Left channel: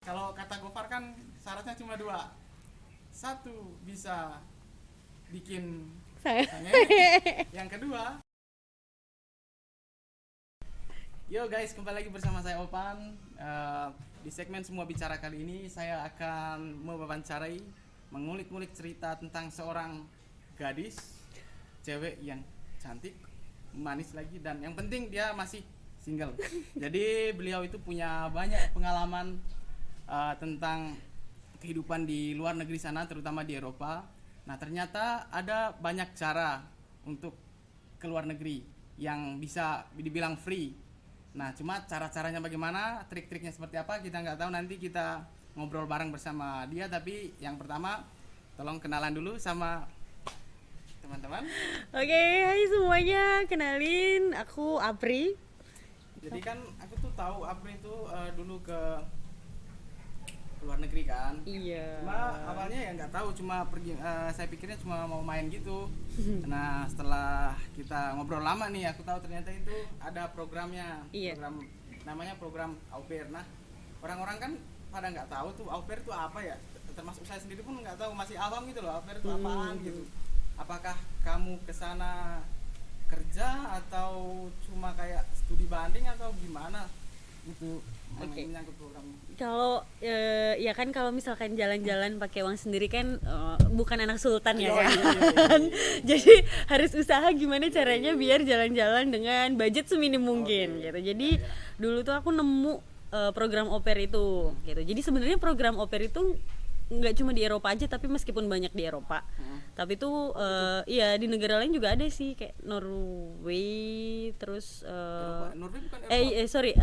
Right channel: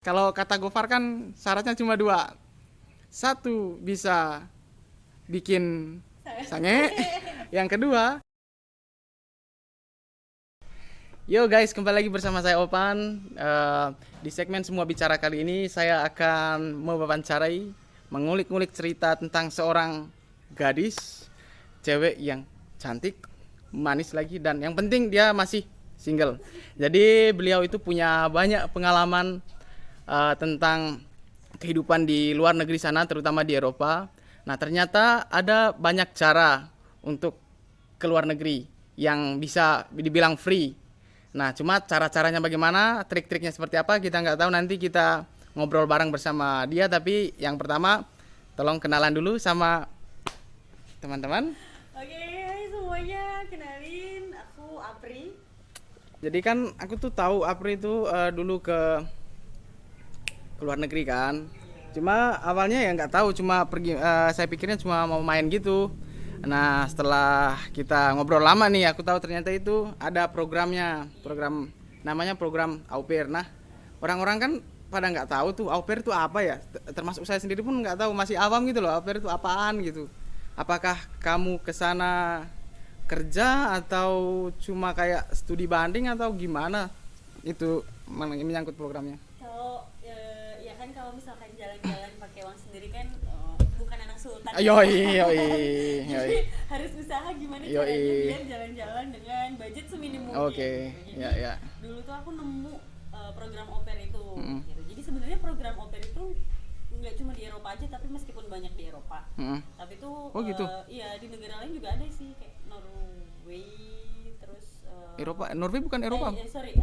Kalau kata Gofar kan syaratnya cuma dua. Satu, bisa bikin sange. Yang kedua, yo guys, kembali lagi bersama saya Opan. Di segmen Semua Bicara kali ini saya akan mewawancarai, mengulik-ngulik cerita tentang seorang gadis, cewek yang cantik, manis lagi, dan yang penting dia masih single. Jadi beliau itu punya banyak pengalaman tentang kehidupan di luar negeri sana, terutama di Eropa. Nah, ternyata ada banyak cara untuk ke luar negeri yang bisa dibilang free. Nah, cuma cara-caranya bagaimana, trik-triknya seperti apa, kita nggak tahu. Nanti kita ngobrol bareng bersama dia. Tapi yang pertama, tolong kenalan dulu sama teman-teman. Oke, hai semuanya, kenalin aku Apri. Jadi kan aku tuh tahu Apri itu dulu ke luar negeri kan. Iya. Cuma awalnya ya nggak tahu, cuma pergi, saya pikirnya cuma mau main gitu. Nah, setelah kita ngobrol lama nih, aku tahu ternyata itu ada programnya. Iya. Program namanya program au pair. Nah, orang-orang kan pada nggak tahu tuh au pair itu apa ya. Termasuk saya sendiri pun nggak tahu, masih awam gitu loh, au pair itu apaan gitu. Apakah kamu ke sana kerja atau cuma kayak studi banding atau gimana? Itu menyangkut programnya. Kalau ya kan kalau misalkan jalan-jalan pakai uang sendiri kan bukan anak sultan Ayo, ya. iya. Jadi harus usaha gimana Yoi. caranya biar jalan-jalan dengan budget seminim mungkin Oke. gitu. Jadi Ya. dulu tuh aku nemu program au pair itu gitu. Jadi sebenarnya program au pair itu nggak cuma di Eropa aja, tapi meskipun banyak di Eropa, tapi tuh gitu. iya di negara lain juga ada sih, kayak Norway, terus Eropa, Norway bukan Eropa. sorry,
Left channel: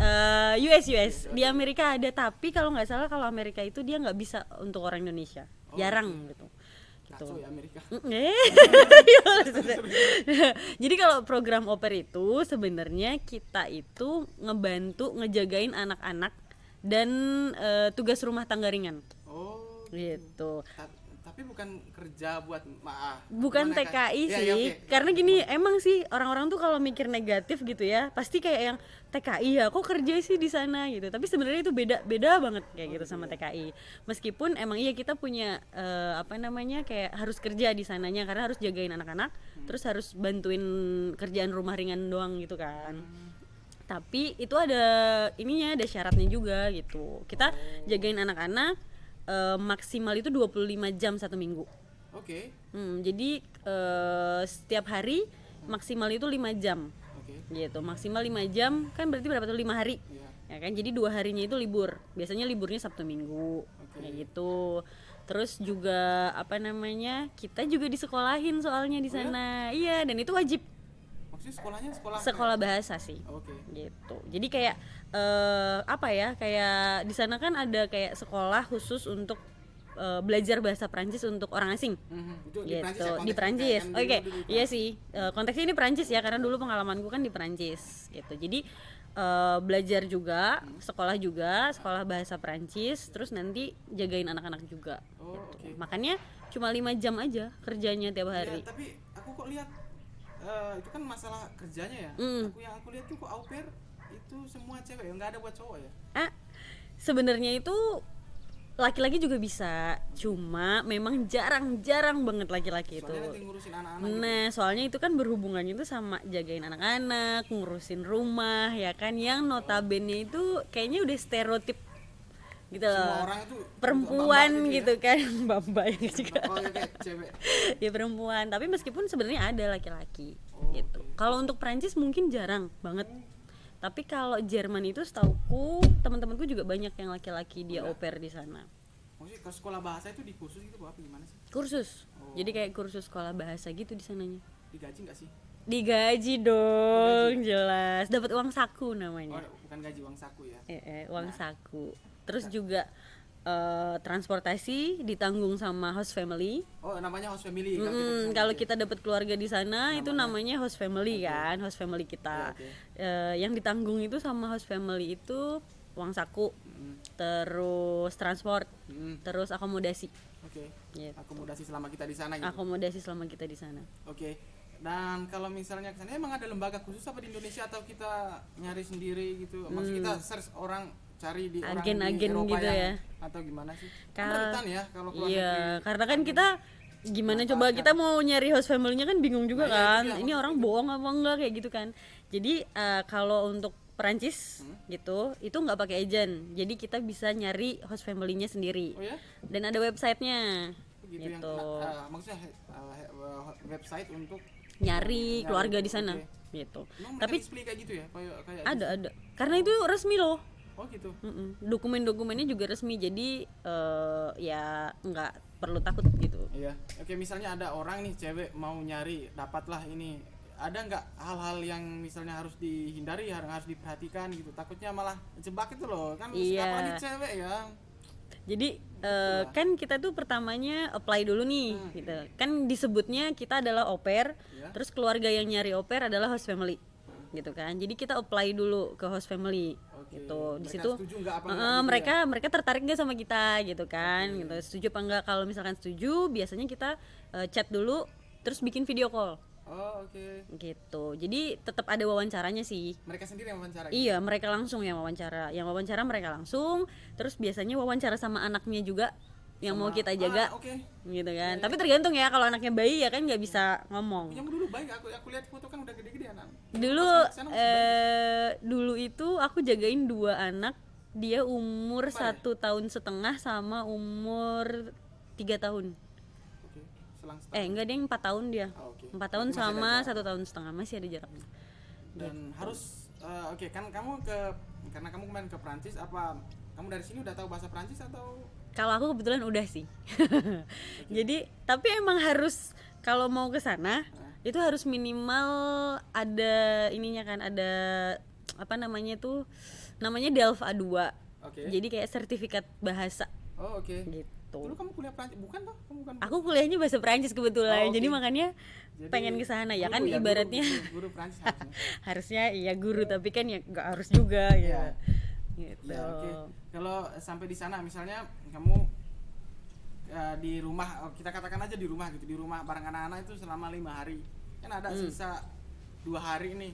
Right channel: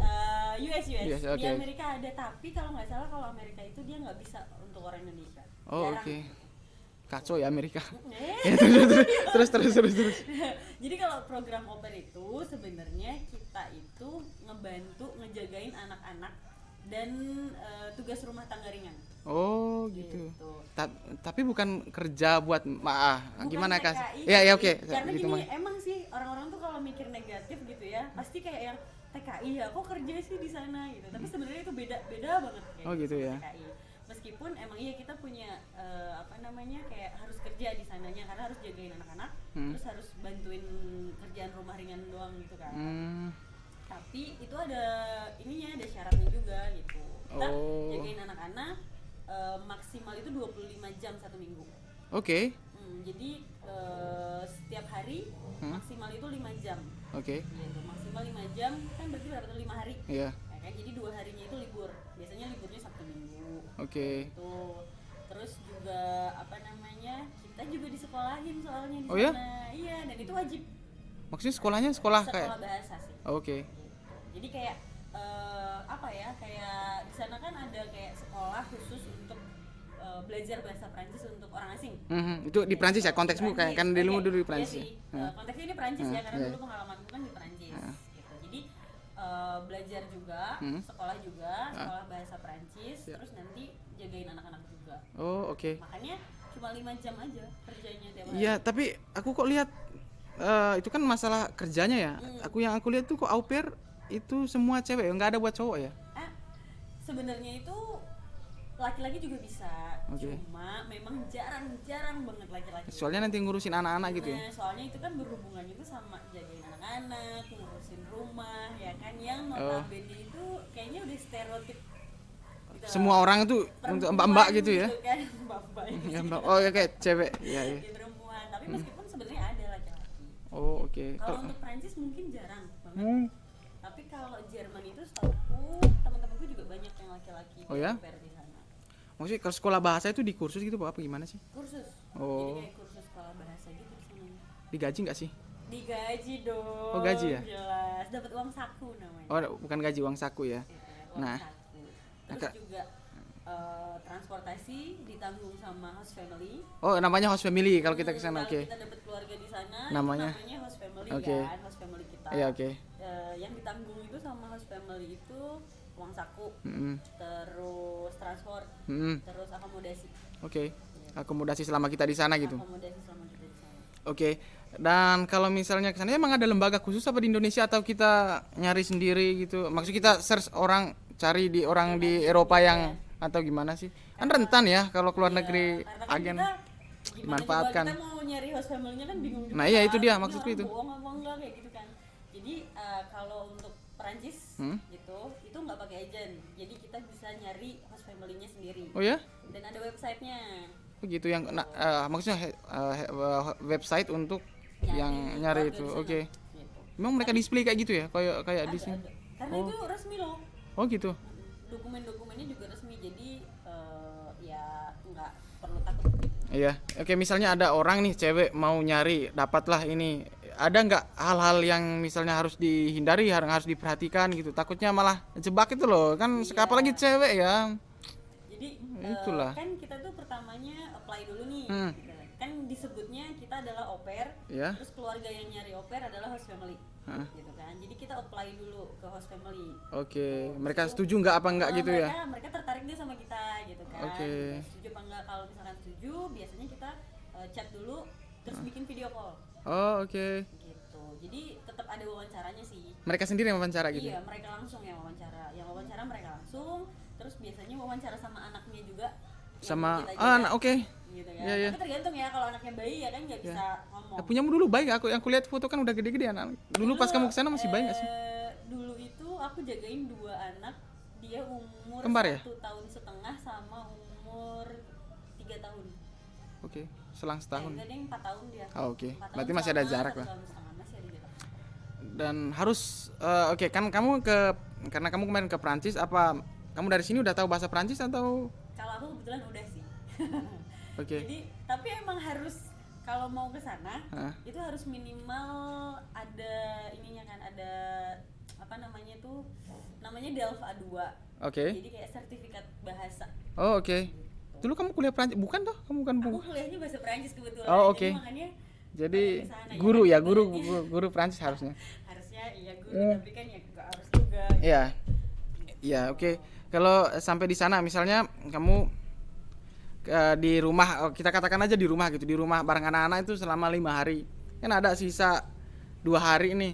US. US, Di oke. Amerika ada, tapi kalau nggak salah kalau Amerika itu dia nggak bisa untuk orang Indonesia, Oh, jarang oke. gitu. Kacau ya Amerika. Terus. Jadi kalau program au pair itu sebenarnya kita itu ngebantu ngejagain anak-anak dan tugas rumah tangga ringan. Oh gitu. Gitu. Tapi bukan kerja buat Bukan gimana, Kak? TKI Ya, sih, ya, oke. karena Gitu, gini, Mas. emang sih orang-orang tuh kalau mikir negatif gitu ya, pasti kayak yang TKI ya, kok kerja sih di sana gitu. Tapi sebenarnya itu beda banget kayak Oh, gitu gitu sama ya. TKI. Meskipun emang iya kita punya kayak harus kerja di sananya karena harus jagain anak-anak, terus harus bantuin kerjaan rumah ringan doang gitu kan. Tapi itu ada ininya, ada syaratnya juga gitu. Kita Oh. jagain anak-anak maksimal itu 25 jam satu minggu. Oke. Jadi setiap hari maksimal itu 5 jam Oke. gitu. Maksimal 5 jam kan berarti berapa tuh, 5 hari Iya. ya kan. Jadi 2 harinya itu libur, biasanya liburnya Sabtu Minggu. Oke. Kayak gitu. Terus juga kita juga disekolahin soalnya di Oh ya? sana. Iya, dan itu wajib. Maksudnya sekolahnya sekolah Sekolah bahasa sih. Oke. Gitu. Jadi kayak kayak di sana kan ada kayak sekolah khusus untuk belajar bahasa Prancis untuk orang asing. Itu di Gitu, Prancis ya, konteksnya di kayak kan Prancis. dulu di Iya Prancis. sih, konteksnya ini Prancis ya, karena iya. dulu pengalamanku kan di Prancis gitu. Jadi belajar juga, sekolah juga, sekolah bahasa Prancis, terus nanti jagain anak-anak juga. Oh, oke. Makanya cuma 5 jam aja kerjanya tiap hari. Iya, tapi aku kok lihat itu kan masalah kerjanya ya. Aku lihat tuh kok au pair itu semua cewek, nggak ada buat cowok ya. Sebenarnya itu laki-laki juga bisa, cuma memang jarang banget laki-laki itu. Soalnya nanti ngurusin anak-anak gitu. Nah, soalnya itu kan berhubungannya itu sama jagain anak-anak, ngurusin rumah, ya kan, yang notabene itu kayaknya udah stereotip gitu loh. Semua orang itu untuk perempuan mbak-mbak gitu ya. kan, mbak-mbak ini Ya, juga. mbak. Oh, oke, cewek. Ya perempuan, tapi meskipun sebenarnya ada laki-laki. Oh, gitu. oke. Kalau untuk Prancis mungkin jarang banget. Tapi kalau Jerman itu setauku teman-temanku juga banyak yang laki-laki Oh, di ya? au pair di sana. Maksudnya kalau sekolah bahasa itu di kursus gitu apa gimana sih? Kursus. Oh. Jadi kayak kursus sekolah bahasa gitu di sananya. Digaji nggak sih? Digaji dong. Oh, gaji ya? Jelas. Dapat uang saku namanya. Oh, bukan gaji, uang saku ya. Uang Nah. saku. Terus Agak- juga transportasi ditanggung sama host family. Oh, namanya host family kalau kita ke sana. Kalau oke. kita dapat keluarga di sana itu Namanya? namanya host family. Oke. Kan, host family kita. Iya, oke. Yang ditanggung itu sama host family itu uang saku, Mm-mm. terus transport, Mm-mm. terus akomodasi. Oke. Gitu. Akomodasi selama kita di sana gitu. Akomodasi selama kita di sana. Oke. Dan kalau misalnya ke sana emang ada lembaga khusus apa di Indonesia atau kita nyari sendiri gitu? Maksud kita search orang, cari di orang di Agen-agen Eropa gitu yang ya. atau gimana sih? Kan Karena- rentan ya kalau keluar Iya, negeri. karena kan agen kita gimana coba manfaatkan. kita mau nyari host family-nya kan bingung juga Nah, kan. iya, itu dia, Ini maksudku orang itu. bohong apa enggak kayak gitu kan. Jadi kalau untuk Perancis gitu, itu nggak pakai agent. Jadi kita bisa nyari host family-nya sendiri. Oh ya? Dan ada websitenya. Begitu yang maksudnya website untuk Nyari yang keluarga itu. di sana Oke. gitu. Emang mereka Tapi display kayak gitu ya? Kayak di sini? ada. Karena itu resmi loh. Oh gitu. Dokumen-dokumennya juga resmi. Jadi ya nggak perlu takut gitu. Iya. Oke, misalnya ada orang nih cewek mau nyari, dapatlah ini. Ada nggak hal-hal yang misalnya harus dihindari, harus diperhatikan gitu? Takutnya malah jebak itu loh. Kan Iya. apalagi cewek ya. Jadi Itulah. kan kita tuh pertamanya apply dulu nih gitu. Kan disebutnya kita adalah au pair, Ya. terus keluarga yang nyari au pair adalah host family. Gitu kan. Jadi kita apply dulu ke host family. Oke. Gitu. Di Mereka situ, setuju nggak apa nggak gitu mereka ya? mereka tertarik nggak sama kita gitu kan. Oke. Gitu. Setuju apa enggak? Kalau misalkan setuju, biasanya kita chat dulu terus bikin video call Oh, oke. gitu. Jadi tetap ada wawancaranya sih. Mereka sendiri yang wawancara gitu. Iya, mereka langsung yang wawancara. Yang wawancara mereka langsung, terus biasanya wawancara sama anaknya juga yang mau kita jaga. oke. Gitu kan. Iya, iya. Tapi tergantung ya, kalau anaknya bayi ya kan nggak bisa ngomong. Punyamu dulu baik, aku yang kulihat foto kan udah gede-gede anak. Dulu Dulu pas kamu kesana masih bayi nggak sih? dulu itu aku jagain 2 anak, dia umur Kembar ya? 1,5 tahun sama umur 3 tahun. Oke, selang setahun. Enggak deh, 4 tahun dia. Oh, oke. 4 tahun Berarti masih ada sama jarak 1 lah. tahun setengah, masih ada jarak. Dan harus oke, kan kamu karena kamu kemarin ke Prancis, apa kamu dari sini udah tahu bahasa Prancis atau Kalau aku kebetulan udah sih. Oke. Jadi tapi emang harus kalau mau ke sana Hah? itu harus minimal ada ininya kan, ada apa namanya tuh, namanya DELF A2. Oke. Jadi kayak sertifikat bahasa Oh, oke. gitu. Dulu kamu kuliah Prancis, bukan toh? Kamu kan Aku kuliahnya bahasa Perancis kebetulan. Oh, oke. Jadi makanya jadi pengen ke sana ya guru kan, ya, ibaratnya. guru Prancis harusnya. Harusnya iya guru, tapi kan ya nggak harus juga gitu. Iya. Gitu. Iya, oke. Kalau sampai di sana misalnya kamu di rumah, kita katakan aja di rumah gitu, di rumah bareng anak-anak itu selama 5 hari. Kan ada sisa 2 hari nih.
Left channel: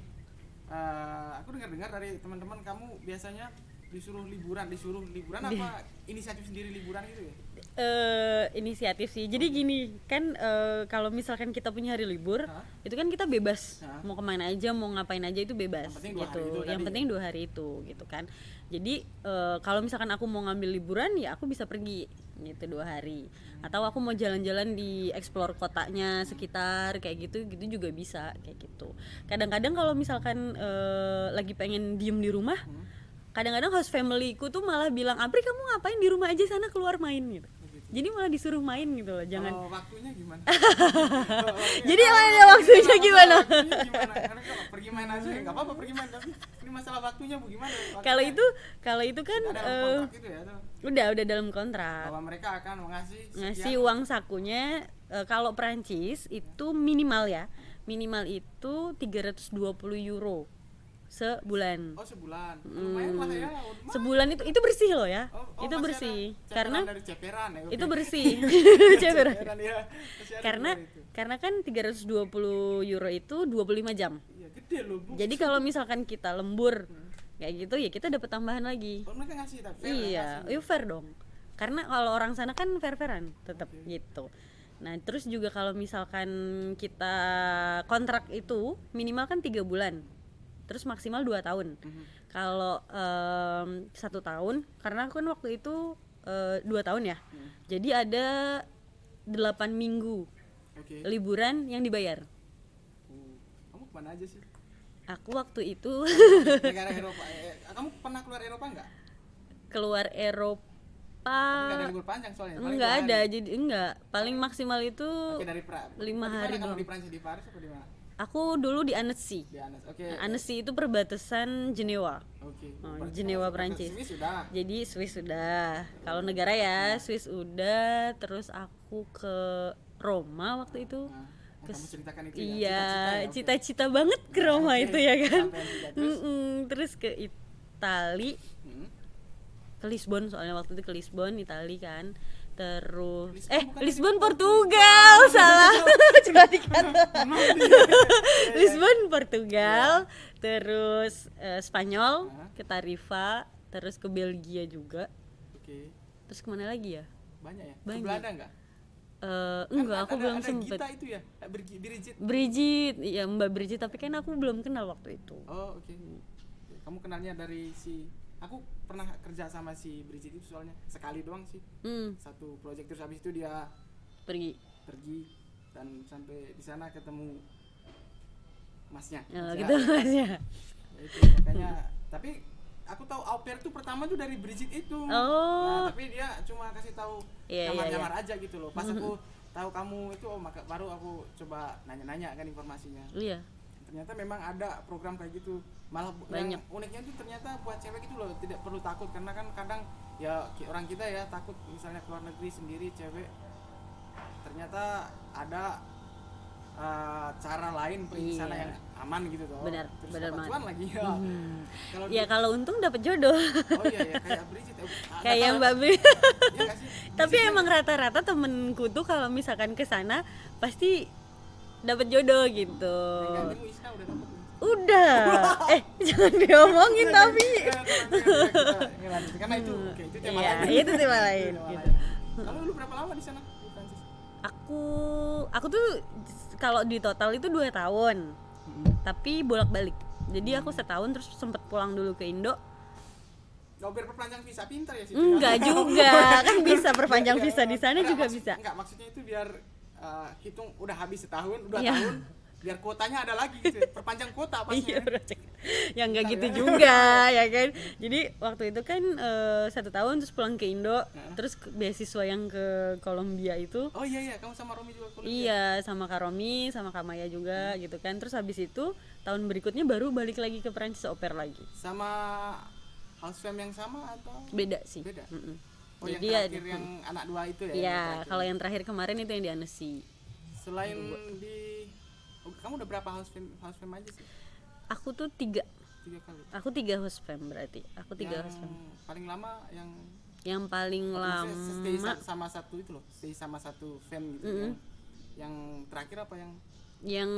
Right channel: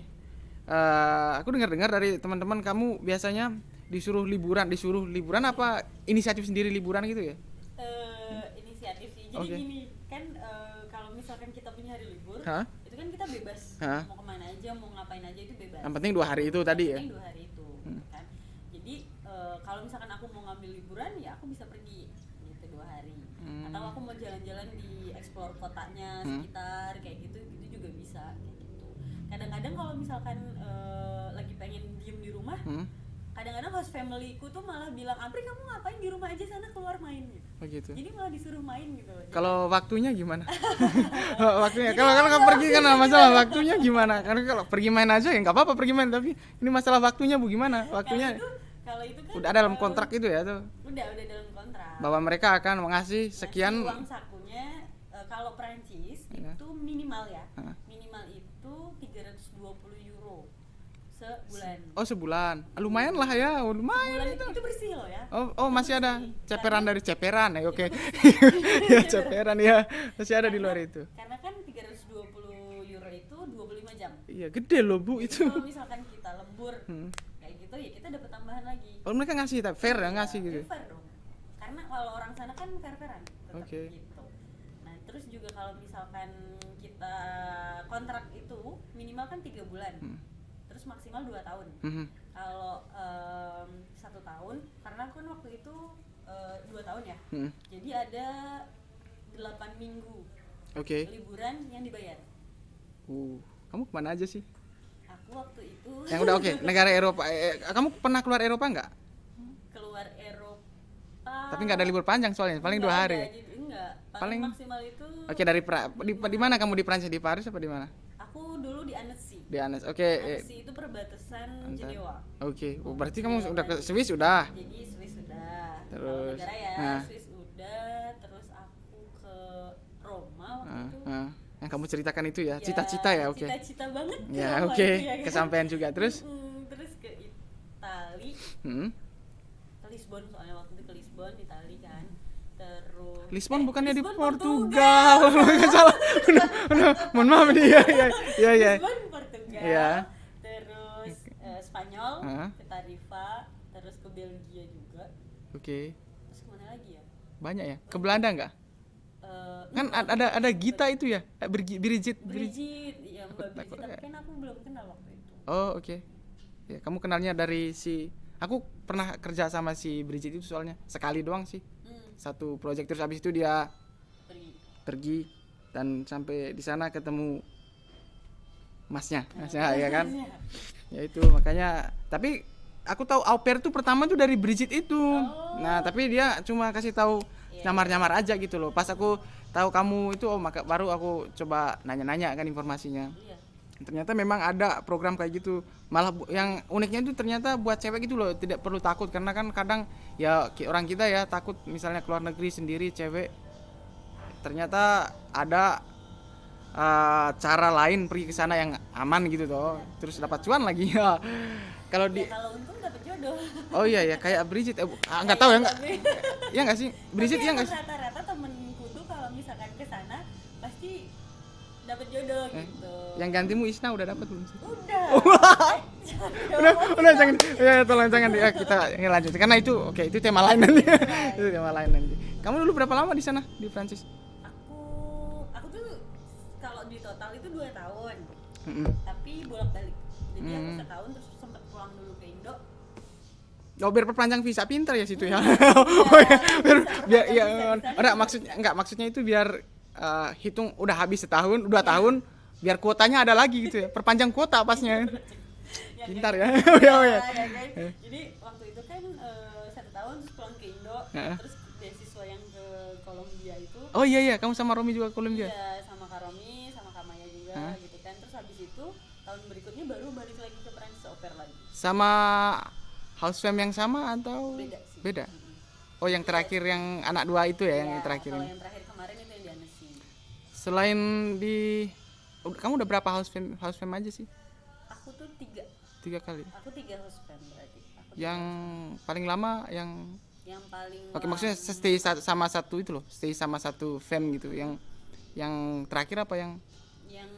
Aku dengar-dengar dari teman-teman kamu biasanya disuruh liburan apa inisiatif sendiri liburan gitu ya? Inisiatif sih. Jadi Oke. gini kan, kalau misalkan kita punya hari libur, Hah? itu kan kita bebas Hah? mau kemana aja, mau ngapain aja itu bebas. Yang penting 2 hari itu Yang tadi ya? penting 2 hari itu gitu kan. Jadi kalau misalkan aku mau ngambil liburan ya aku bisa pergi gitu 2 hari. Atau aku mau jalan-jalan di explore kotanya sekitar kayak gitu juga bisa kayak gitu. Kadang-kadang kalau misalkan lagi pengen diem di rumah, kadang-kadang host familyku tuh malah bilang, "Apri, kamu ngapain di rumah aja, sana keluar main," gitu. Oh gitu. Jadi malah disuruh main gitu loh. Jangan- Kalau waktunya gimana? waktunya. Jadi Kalau emangnya pergi kan waktunya masalah gimana? waktunya gimana? Karena kalau pergi main aja ya nggak apa-apa pergi main, tapi ini masalah waktunya Bu gimana? Waktunya kalau itu kan udah ada dalam kontrak itu ya tuh udah dalam kontrak. bahwa mereka akan mengasih sekian. Ngasih uang sakunya, kalau Perancis itu minimal ya. Minimal itu 320 euro sebulan. Oh sebulan. Lumayan lah ya. Oh, lumayan. Sebulan itu bersih loh ya. Oh Itu masih ada bersih. ceperan Karena dari ceperan ya. Oke. itu bersih. Ya, ceperan ya. Masih ada di luar itu. Karena kan 320 euro itu 25 jam. Iya, gede loh, Bu. Jadi itu. kalau misalkan kita lembur kayak gitu ya kita dapat tambahan lagi. Oh, mereka ngasih fair ya Iya, ngasih gitu. iya, fair dong. Karena kalau orang sana kan fair-fairan tetap Oke. gitu. Nah, terus juga kalau misalkan kita kontrak itu minimal kan 3 bulan. Terus maksimal 2 tahun. Kalau 1 tahun, karena aku kan waktu itu 2 tahun ya. Jadi ada 8 minggu Oke. liburan yang dibayar. Kamu kemana aja sih? Aku waktu itu Yang udah oke, negara Eropa. Kamu pernah keluar Eropa nggak? keluar Eropa. Tapi nggak ada libur panjang soalnya, paling 2 Nggak hari. ada, jadi enggak. Paling Paling- maksimal itu Oke, dari di 5 mana hari kamu doang. di Prancis, di Paris apa di mana? Aku dulu di Annecy. Di Annecy. Oke. Annecy itu perbatasan Jenewa. Oke. Oh, Berarti Jenewa, kamu udah ke Prancis. Swiss udah. Jadi Swiss sudah. Kalau Terus, negara ya, nah. Swiss udah. Terus aku ke Roma waktu itu. Yang kamu ceritakan itu ya, Iya, cita-cita ya, oke. cita-cita banget ke Ya, Roma oke. itu ya kan. Kesampaian juga. Terus? Terus ke Itali, Hmm. ke Lisbon, soalnya waktu itu ke Lisbon, Itali kan. Terus Lisbon bukannya di Lisbon Portugal. Portugal. Salah. Mohon maaf nih. Iya, iya. Lisbon Portugal, Iya. terus Spanyol, Hah? ke Tarifa, terus ke Belgia juga. Oke. Terus kemana lagi ya? Banyak ya? Ke Banyak. Belanda nggak? Kan Enggak, aku ada belum sempet. Gita itu ya, Brigitte. Ya Mbak Bridget, tapi kan aku belum kenal waktu itu. Oh oke. Ya, kamu kenalnya dari si, aku pernah kerja sama si Brigitte itu soalnya sekali doang sih, satu project, terus habis itu dia pergi dan sampai di sana ketemu masnya ya kan. Masnya. Ya itu makanya, tapi aku tahu au pair tuh pertama tuh dari Brigitte itu. Nah tapi dia cuma kasih tahu nyamar-nyamar aja gitu loh. Pas aku tahu kamu itu, maka baru aku coba nanya-nanya kan informasinya. Iya. Ternyata memang ada program kayak gitu. Malah yang uniknya itu ternyata buat cewek gitu loh, tidak perlu takut, karena kan kadang ya orang kita ya takut misalnya keluar negeri sendiri cewek. Ternyata ada cara lain pergi ke sana yang aman gitu toh. Terus dapat cuan lagi ya. Kalau Ya kalau untung dapat jodoh. Oh iya ya, kayak Brigitte nggak Kayak tahu ya. Mbak Bri- Iya nggak sih? Tapi Brigitte emang nggak sih? rata-rata temenku tuh kalau misalkan ke sana pasti dapat jodoh gitu. Yang gantimu Isna udah dapat belum sih? Udah. Jangan diomongin Udah, jangan, tapi. ya tolong jangan ya, kita lanjut karena itu oke, itu tema lain nanti. itu tema lain. Itu tema lain nanti. Kamu dulu berapa lama di sana di Prancis? Aku tuh kalau di total itu 2 tahun. Mm-mm. Tapi bolak-balik. Jadi aku setahun terus sempet pulang dulu ke Indo. Oh, biar perpanjang visa, pintar ya situ ya. Enggak juga, kan bisa perpanjang visa di sana juga bisa. Maksudnya itu biar hitung udah habis setahun, 2 Iya. tahun, biar kuotanya ada lagi gitu ya. Perpanjang kuota pasnya. Yang enggak Bentar gitu ya. juga ya kan. Jadi waktu itu kan 1 tahun terus pulang ke Indo, terus beasiswa yang ke Kolombia itu. Oh iya, kamu sama Romi juga Kolombia. Iya, sama Kak Romi, sama Kak Maya juga gitu kan. Terus habis itu tahun berikutnya baru balik lagi ke Prancis au pair lagi. Sama house fam yang sama atau Beda sih. Beda. Mm-mm. Oh, yang Jadi terakhir yang anak 2 itu ya, Iya, yang terakhir. kalau yang terakhir kemarin itu yang di Annecy. Selain di kamu udah berapa house fam aja sih? Aku tuh 3 kali. Aku 3 host fam berarti. Aku 3 Yang host fam. paling lama yang Yang paling Oke, lama. maksudnya stay sama satu itu loh, stay sama satu fam gitu. Yang terakhir apa yang Yang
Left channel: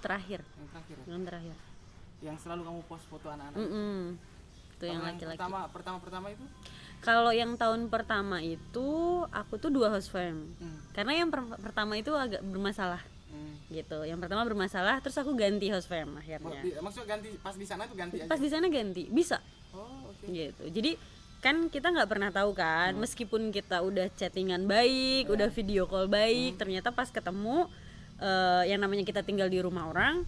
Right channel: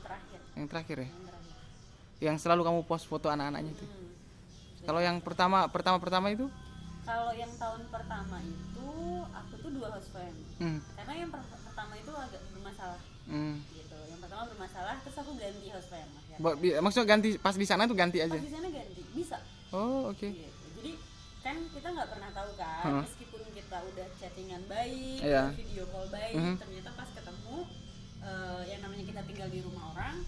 terakhir. terakhir ya? Yang terakhir. Yang selalu kamu post foto anak-anak itu. Itu Kalau yang laki-laki. pertama itu? Kalau yang tahun pertama itu aku tuh 2 host fam. Karena yang pertama itu agak bermasalah. Gitu. Yang pertama bermasalah, terus aku ganti host fam akhirnya. Maksudnya ganti pas di sana tuh ganti aja. Pas di sana ganti, bisa. Oh, oke. Gitu. Jadi kan kita nggak pernah tahu kan, meskipun kita udah chattingan baik, udah video call baik, ternyata pas ketemu yang namanya kita tinggal di rumah orang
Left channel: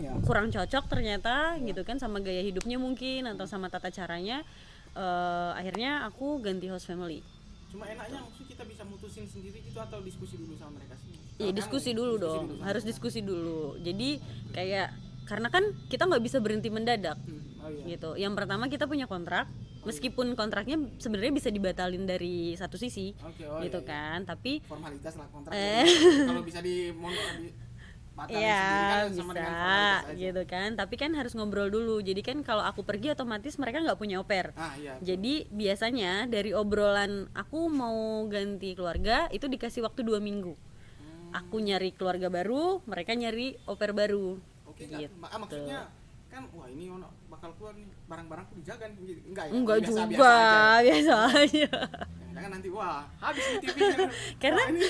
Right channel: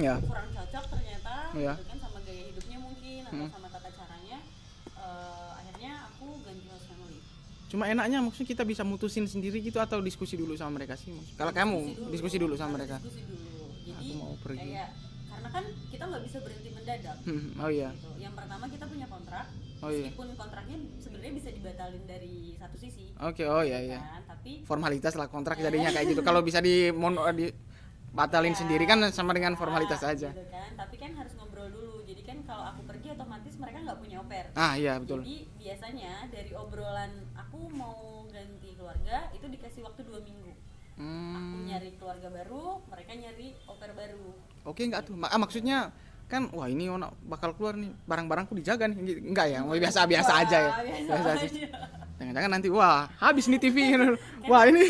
Ya. kurang cocok ternyata gitu kan, sama gaya hidupnya mungkin atau sama tata caranya. Akhirnya aku ganti host family. Cuma enaknya maksudnya kita bisa mutusin sendiri gitu atau diskusi dulu sama mereka sih? Kalau Diskusi kamu dulu dong. sama Harus mereka. diskusi dulu. Jadi pergi. kayak karena kan kita nggak bisa berhenti mendadak. Oh iya. Gitu. Yang pertama kita punya kontrak, meskipun kontraknya sebenarnya bisa dibatalin dari satu sisi. Oke, gitu iya. kan, tapi Formalitas lah kontrak jadinya kayak gitu. Kalau bisa batalin ya, sendiri kan sama bisa, dengan formalitas aja. gitu kan. Tapi kan harus ngobrol dulu. Jadi kan kalau aku pergi otomatis mereka nggak punya au pair. Iya betul. Jadi biasanya dari obrolan aku mau ganti keluarga itu dikasih waktu 2 minggu. Aku nyari keluarga baru, mereka nyari au pair baru. Oke, enggak tuh. Maksudnya kan wah ini ono bakal keluar nih, barang-barangku dijaga nih. Enggak ya? Enggak biasa juga, biasa aja ya. Biasa aja. Jangan-jangan nanti wah habis nih TV. Karena- Wah ini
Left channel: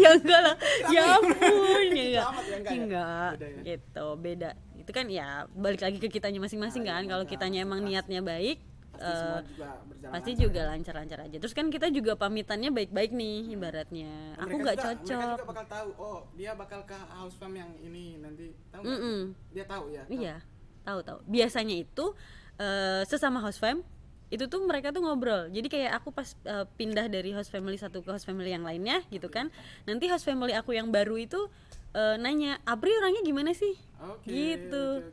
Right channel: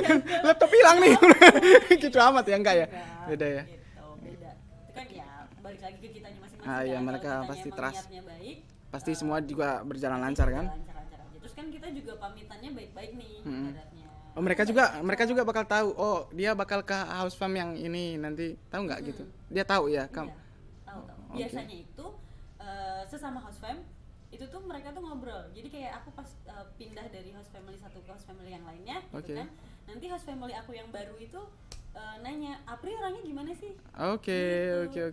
Ya enggak lah. laptop hilang Ya nih. ampun, Gitu iya. amat ya, enggak ya? Enggak, Beda ya. Gitu, beda. Itu kan ya balik lagi ke kitanya masing-masing Iya, kan. Kalau mereka kitanya pasti emang trust. niatnya baik, Pasti semua juga berjalan pasti lancar juga kan? lancar-lancar aja. Terus kan kita juga pamitannya baik-baik nih ibaratnya. Oh, Aku nggak mereka cocok. juga bakal tahu. Oh, dia bakal ke house farm yang ini nanti. Tahu enggak gitu? Dia tahu ya. Iya, tahu. Biasanya itu sesama host fam itu tuh mereka tuh ngobrol. Jadi kayak aku pas pindah dari host family satu ke host family yang lainnya gitu kan. Nanti host family aku yang baru itu nanya, "Apri orangnya gimana sih?" Oke. Gitu.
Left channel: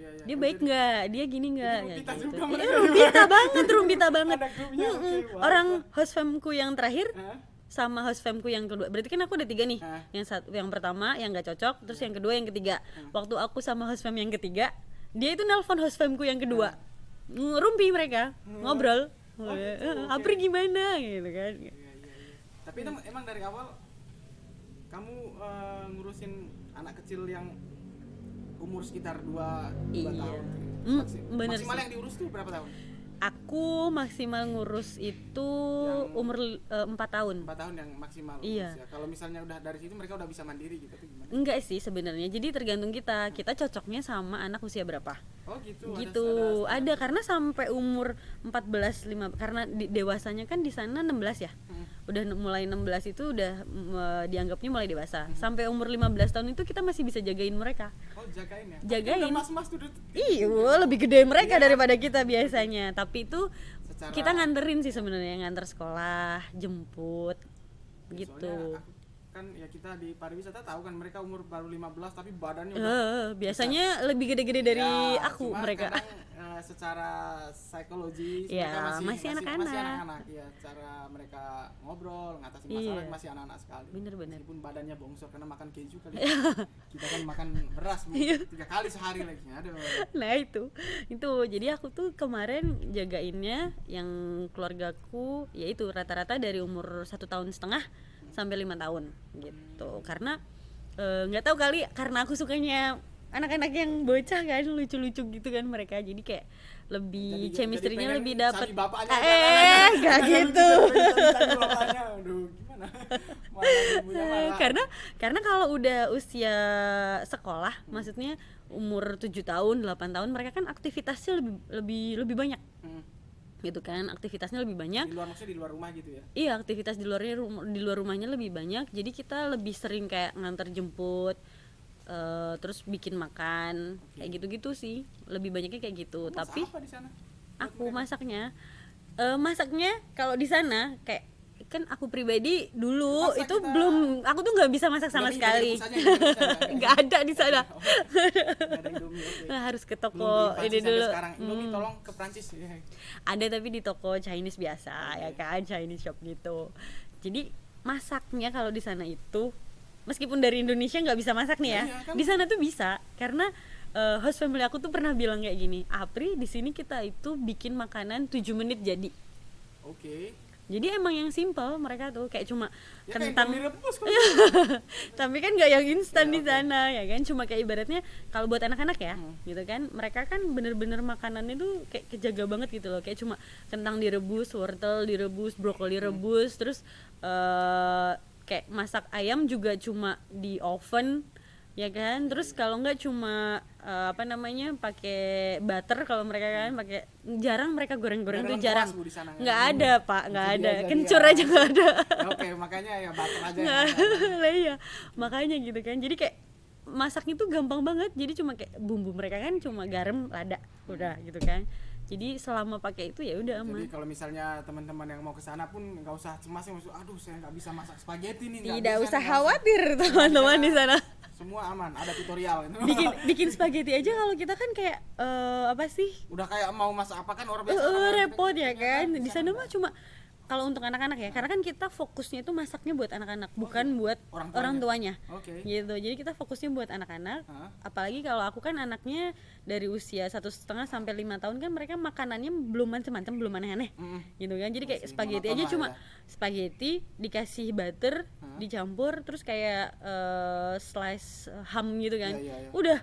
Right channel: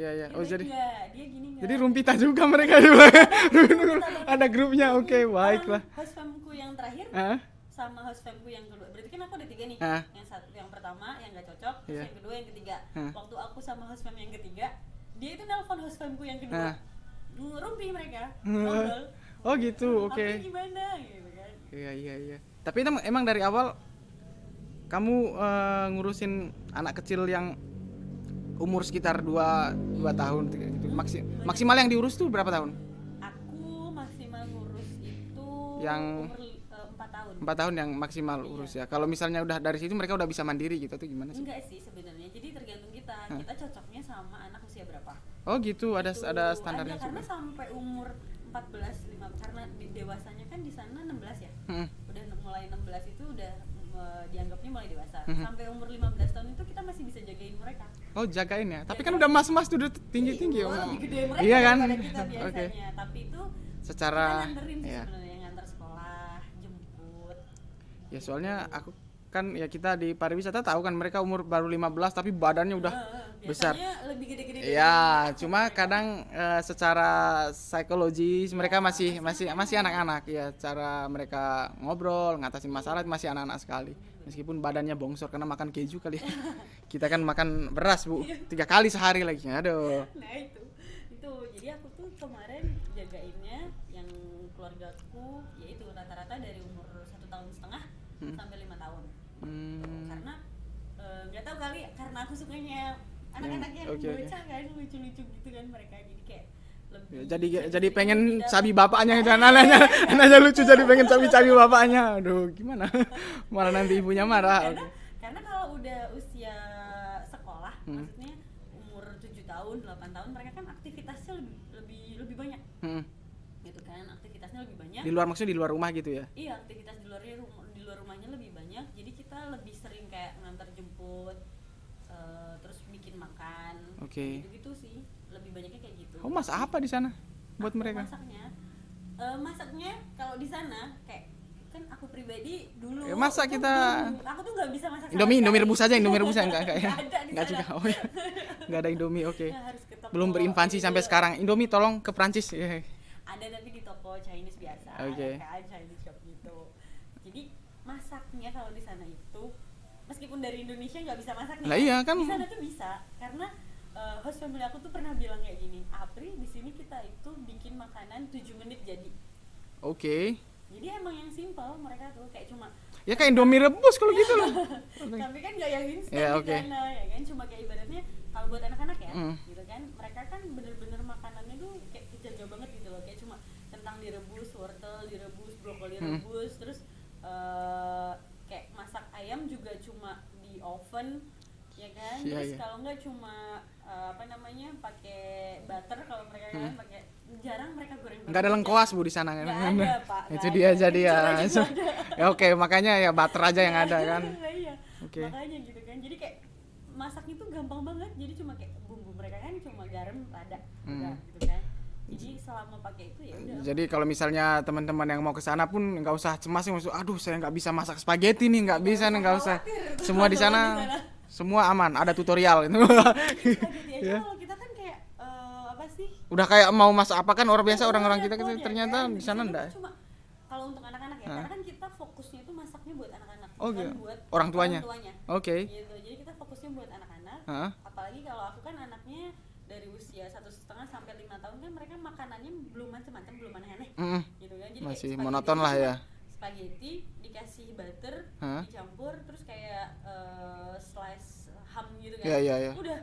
Ya. Dia baik nggak? Dia gini nggak? Jadi rumpita juga mereka di belakang. Rumpita banget. Ada grupnya. Oke, Orang baiklah. host famku yang terakhir Hah? sama host famku yang kedua, berarti kan aku ada 3 nih. Yang pertama yang nggak cocok, terus yang kedua yang ketiga. Waktu aku sama host fam yang ketiga, dia itu nelpon host famku yang kedua, ngerumpi mereka, ngobrol. Oh gitu, oke. Apri gimana gitu kan? Iya. Tapi emang dari awal kamu ngurusin anak kecil yang umur sekitar 2 tahun gitu. Bener. Maksimal yang diurus tuh berapa tahun? Aku maksimal ngurus itu Yang umur 4 tahun. 4 tahun yang maksimal Iya. urus ya. Kalau misalnya udah dari situ mereka udah bisa mandiri gitu atau gimana sih? Enggak sih sebenarnya. Jadi tergantung kita. Kita cocoknya sama anak usia berapa. Oh gitu, ada Gitu. ada standar gitu. Karena sampai umur 14 5 karena dewasanya kan di sana 16 ya. Mm-mm. Udah mulai 16 itu udah dianggapnya mulai dewasa. Sampai umur 15 tahun itu kita masih bisa jagain mereka. Oh jagain ya. Tapi kan Jagain. udah mas-mas tuh udah tinggi-tinggi. Iya, lebih gede mereka Iya kan? daripada kita biasanya. Tapi itu Secara kita nganterin sih ya. sebenarnya, nganter sekolah, jemput. Ya gitu. soalnya aku kan ya kita di pariwisata tahu kan mereka umur baru 15 tapi badannya udah biasanya lebih gede-gede dari ya, aku cuma mereka. kadang secara psikologis Ya, mereka masih masih anak-anak ya, cara mereka ngobrol ngatasin masalah Iya. masih anak-anak sekali. Bener-bener. Meskipun badannya bongsor karena makan keju kali. Kita kan makan beras Bu, Iya. 3 kali sehari lagi. Aduh. Nah itu jadi aku tuh kemarin jagainnya yang keluargaku yaitu rata-rata dari umur 1,5 tahun sampai 5 tahun gitu. Karena nggak tahu kali karena aku sukanya anak-anak yang Oke. bocah kan, lucu-lucu gitu kan mereka, jadi kayak lebih Jadi chemistry-nya pengen lebih dapet. sabi bapaknya itu nggak anaknya lucu gitu. jadi pengen sabi bapaknya. Aduh, gimana? Malah nanti ibunya marah. Karena kalau udah usia sekolah, maksudnya umur 7 tahun, 8 tahun, mereka kan aktivitasnya lebih banyak. Hmm. Gitu kan, aktivitasnya lebih banyak. Di luar, maksudnya di luar rumah gitu ya. Iya, aktivitas di luar rumahnya lebih banyak. Jadi kita lebih sering kayak nganter jemput, terus bikin makan, Oke. kayak gitu-gitu sih. Lebih banyaknya kayak gitu. Kamu masak apa di sana buat aku mereka? masaknya kalau di sana kayak kan aku pribadi dulu Ya, masa itu kita- belum, aku tuh nggak bisa masak sama Indomie sekali. rebus aja, Indomie rebus enggak. Nggak ada di sana. Enggak ada Indomie, oke. Harus ke toko. Belum berinvasi ini sampai dulu. sekarang. Indomie tolong ke Prancis. Ya. Ada tapi di toko Chinese biasa, Oke. ya kan, Chinese shop gitu. Jadi masaknya kalau di sana itu meskipun dari Indonesia nggak bisa masak nih Lah ya, iya, kan. di sana tuh bisa karena host family aku tuh pernah bilang kayak gini, Apri di sini kita itu bikin makanan 7 menit jadi. Oke. Jadi emang yang simple mereka tuh kayak cuma Ya kayak Indomie rebus kalau gitu. tapi kan nggak yang instan Ya, di oke. sana ya kan, cuma kayak ibaratnya kalau buat anak-anak ya Mm. gitu kan, mereka kan bener-bener makanannya tuh kayak kejaga banget gitu loh, kayak cuma kentang direbus, wortel direbus, brokoli rebus, terus kayak masak ayam juga cuma di oven ya kan, Iya, terus iya. kalau nggak cuma pakai butter, kalau mereka kan pakai, jarang mereka goreng-goreng. Enggak ada tuh lengkuas jarang. Bu di sana kan. Nggak ada pak, nggak Itu ada, dia jadi kencur ya. aja nggak ada. Ya, oke, makanya ya butter aja yang ada kan. Lah iya, Oke. makanya gitu kan. Jadi kayak masaknya tuh gampang banget. Jadi cuma kayak bumbu mereka kan cuma garam, lada, udah gitu kan. Jadi selama pakai itu ya udah. Jadi kalau misalnya teman-teman yang mau ke sana pun nggak usah cemas sih, maksud aduh saya nggak bisa masak spaghetti nih, nggak Tidak bisa nih, usah nggak usah. khawatir, Semua di teman-teman sana, di sana. semua aman, ada tutorial itu. bikin spaghetti aja Iya. kalau kita kan kayak apa sih? Udah kayak mau masak apa kan orang biasa, orang-orang kita repot kan ya ternyata kan? di Di sana sana enggak. mah cuma kalau untuk anak-anak ya, karena kan kita fokusnya itu masaknya buat anak-anak, Oh, bukan iya. buat Orang tuanya. Oke. Gitu. Jadi kita fokusnya buat anak-anak. Hah? Apalagi kalau aku kan anaknya dari usia 1,5 sampai 5 tahun kan, mereka makanannya belum macam-macam, belum aneh-aneh. Mm-mm. Gitu kan. Jadi kayak Masih spaghetti monoton aja lah cuma ya. spaghetti dikasih butter, Hah? dicampur, terus kayak slice ham gitu kan. Iya, iya, iya. Udah.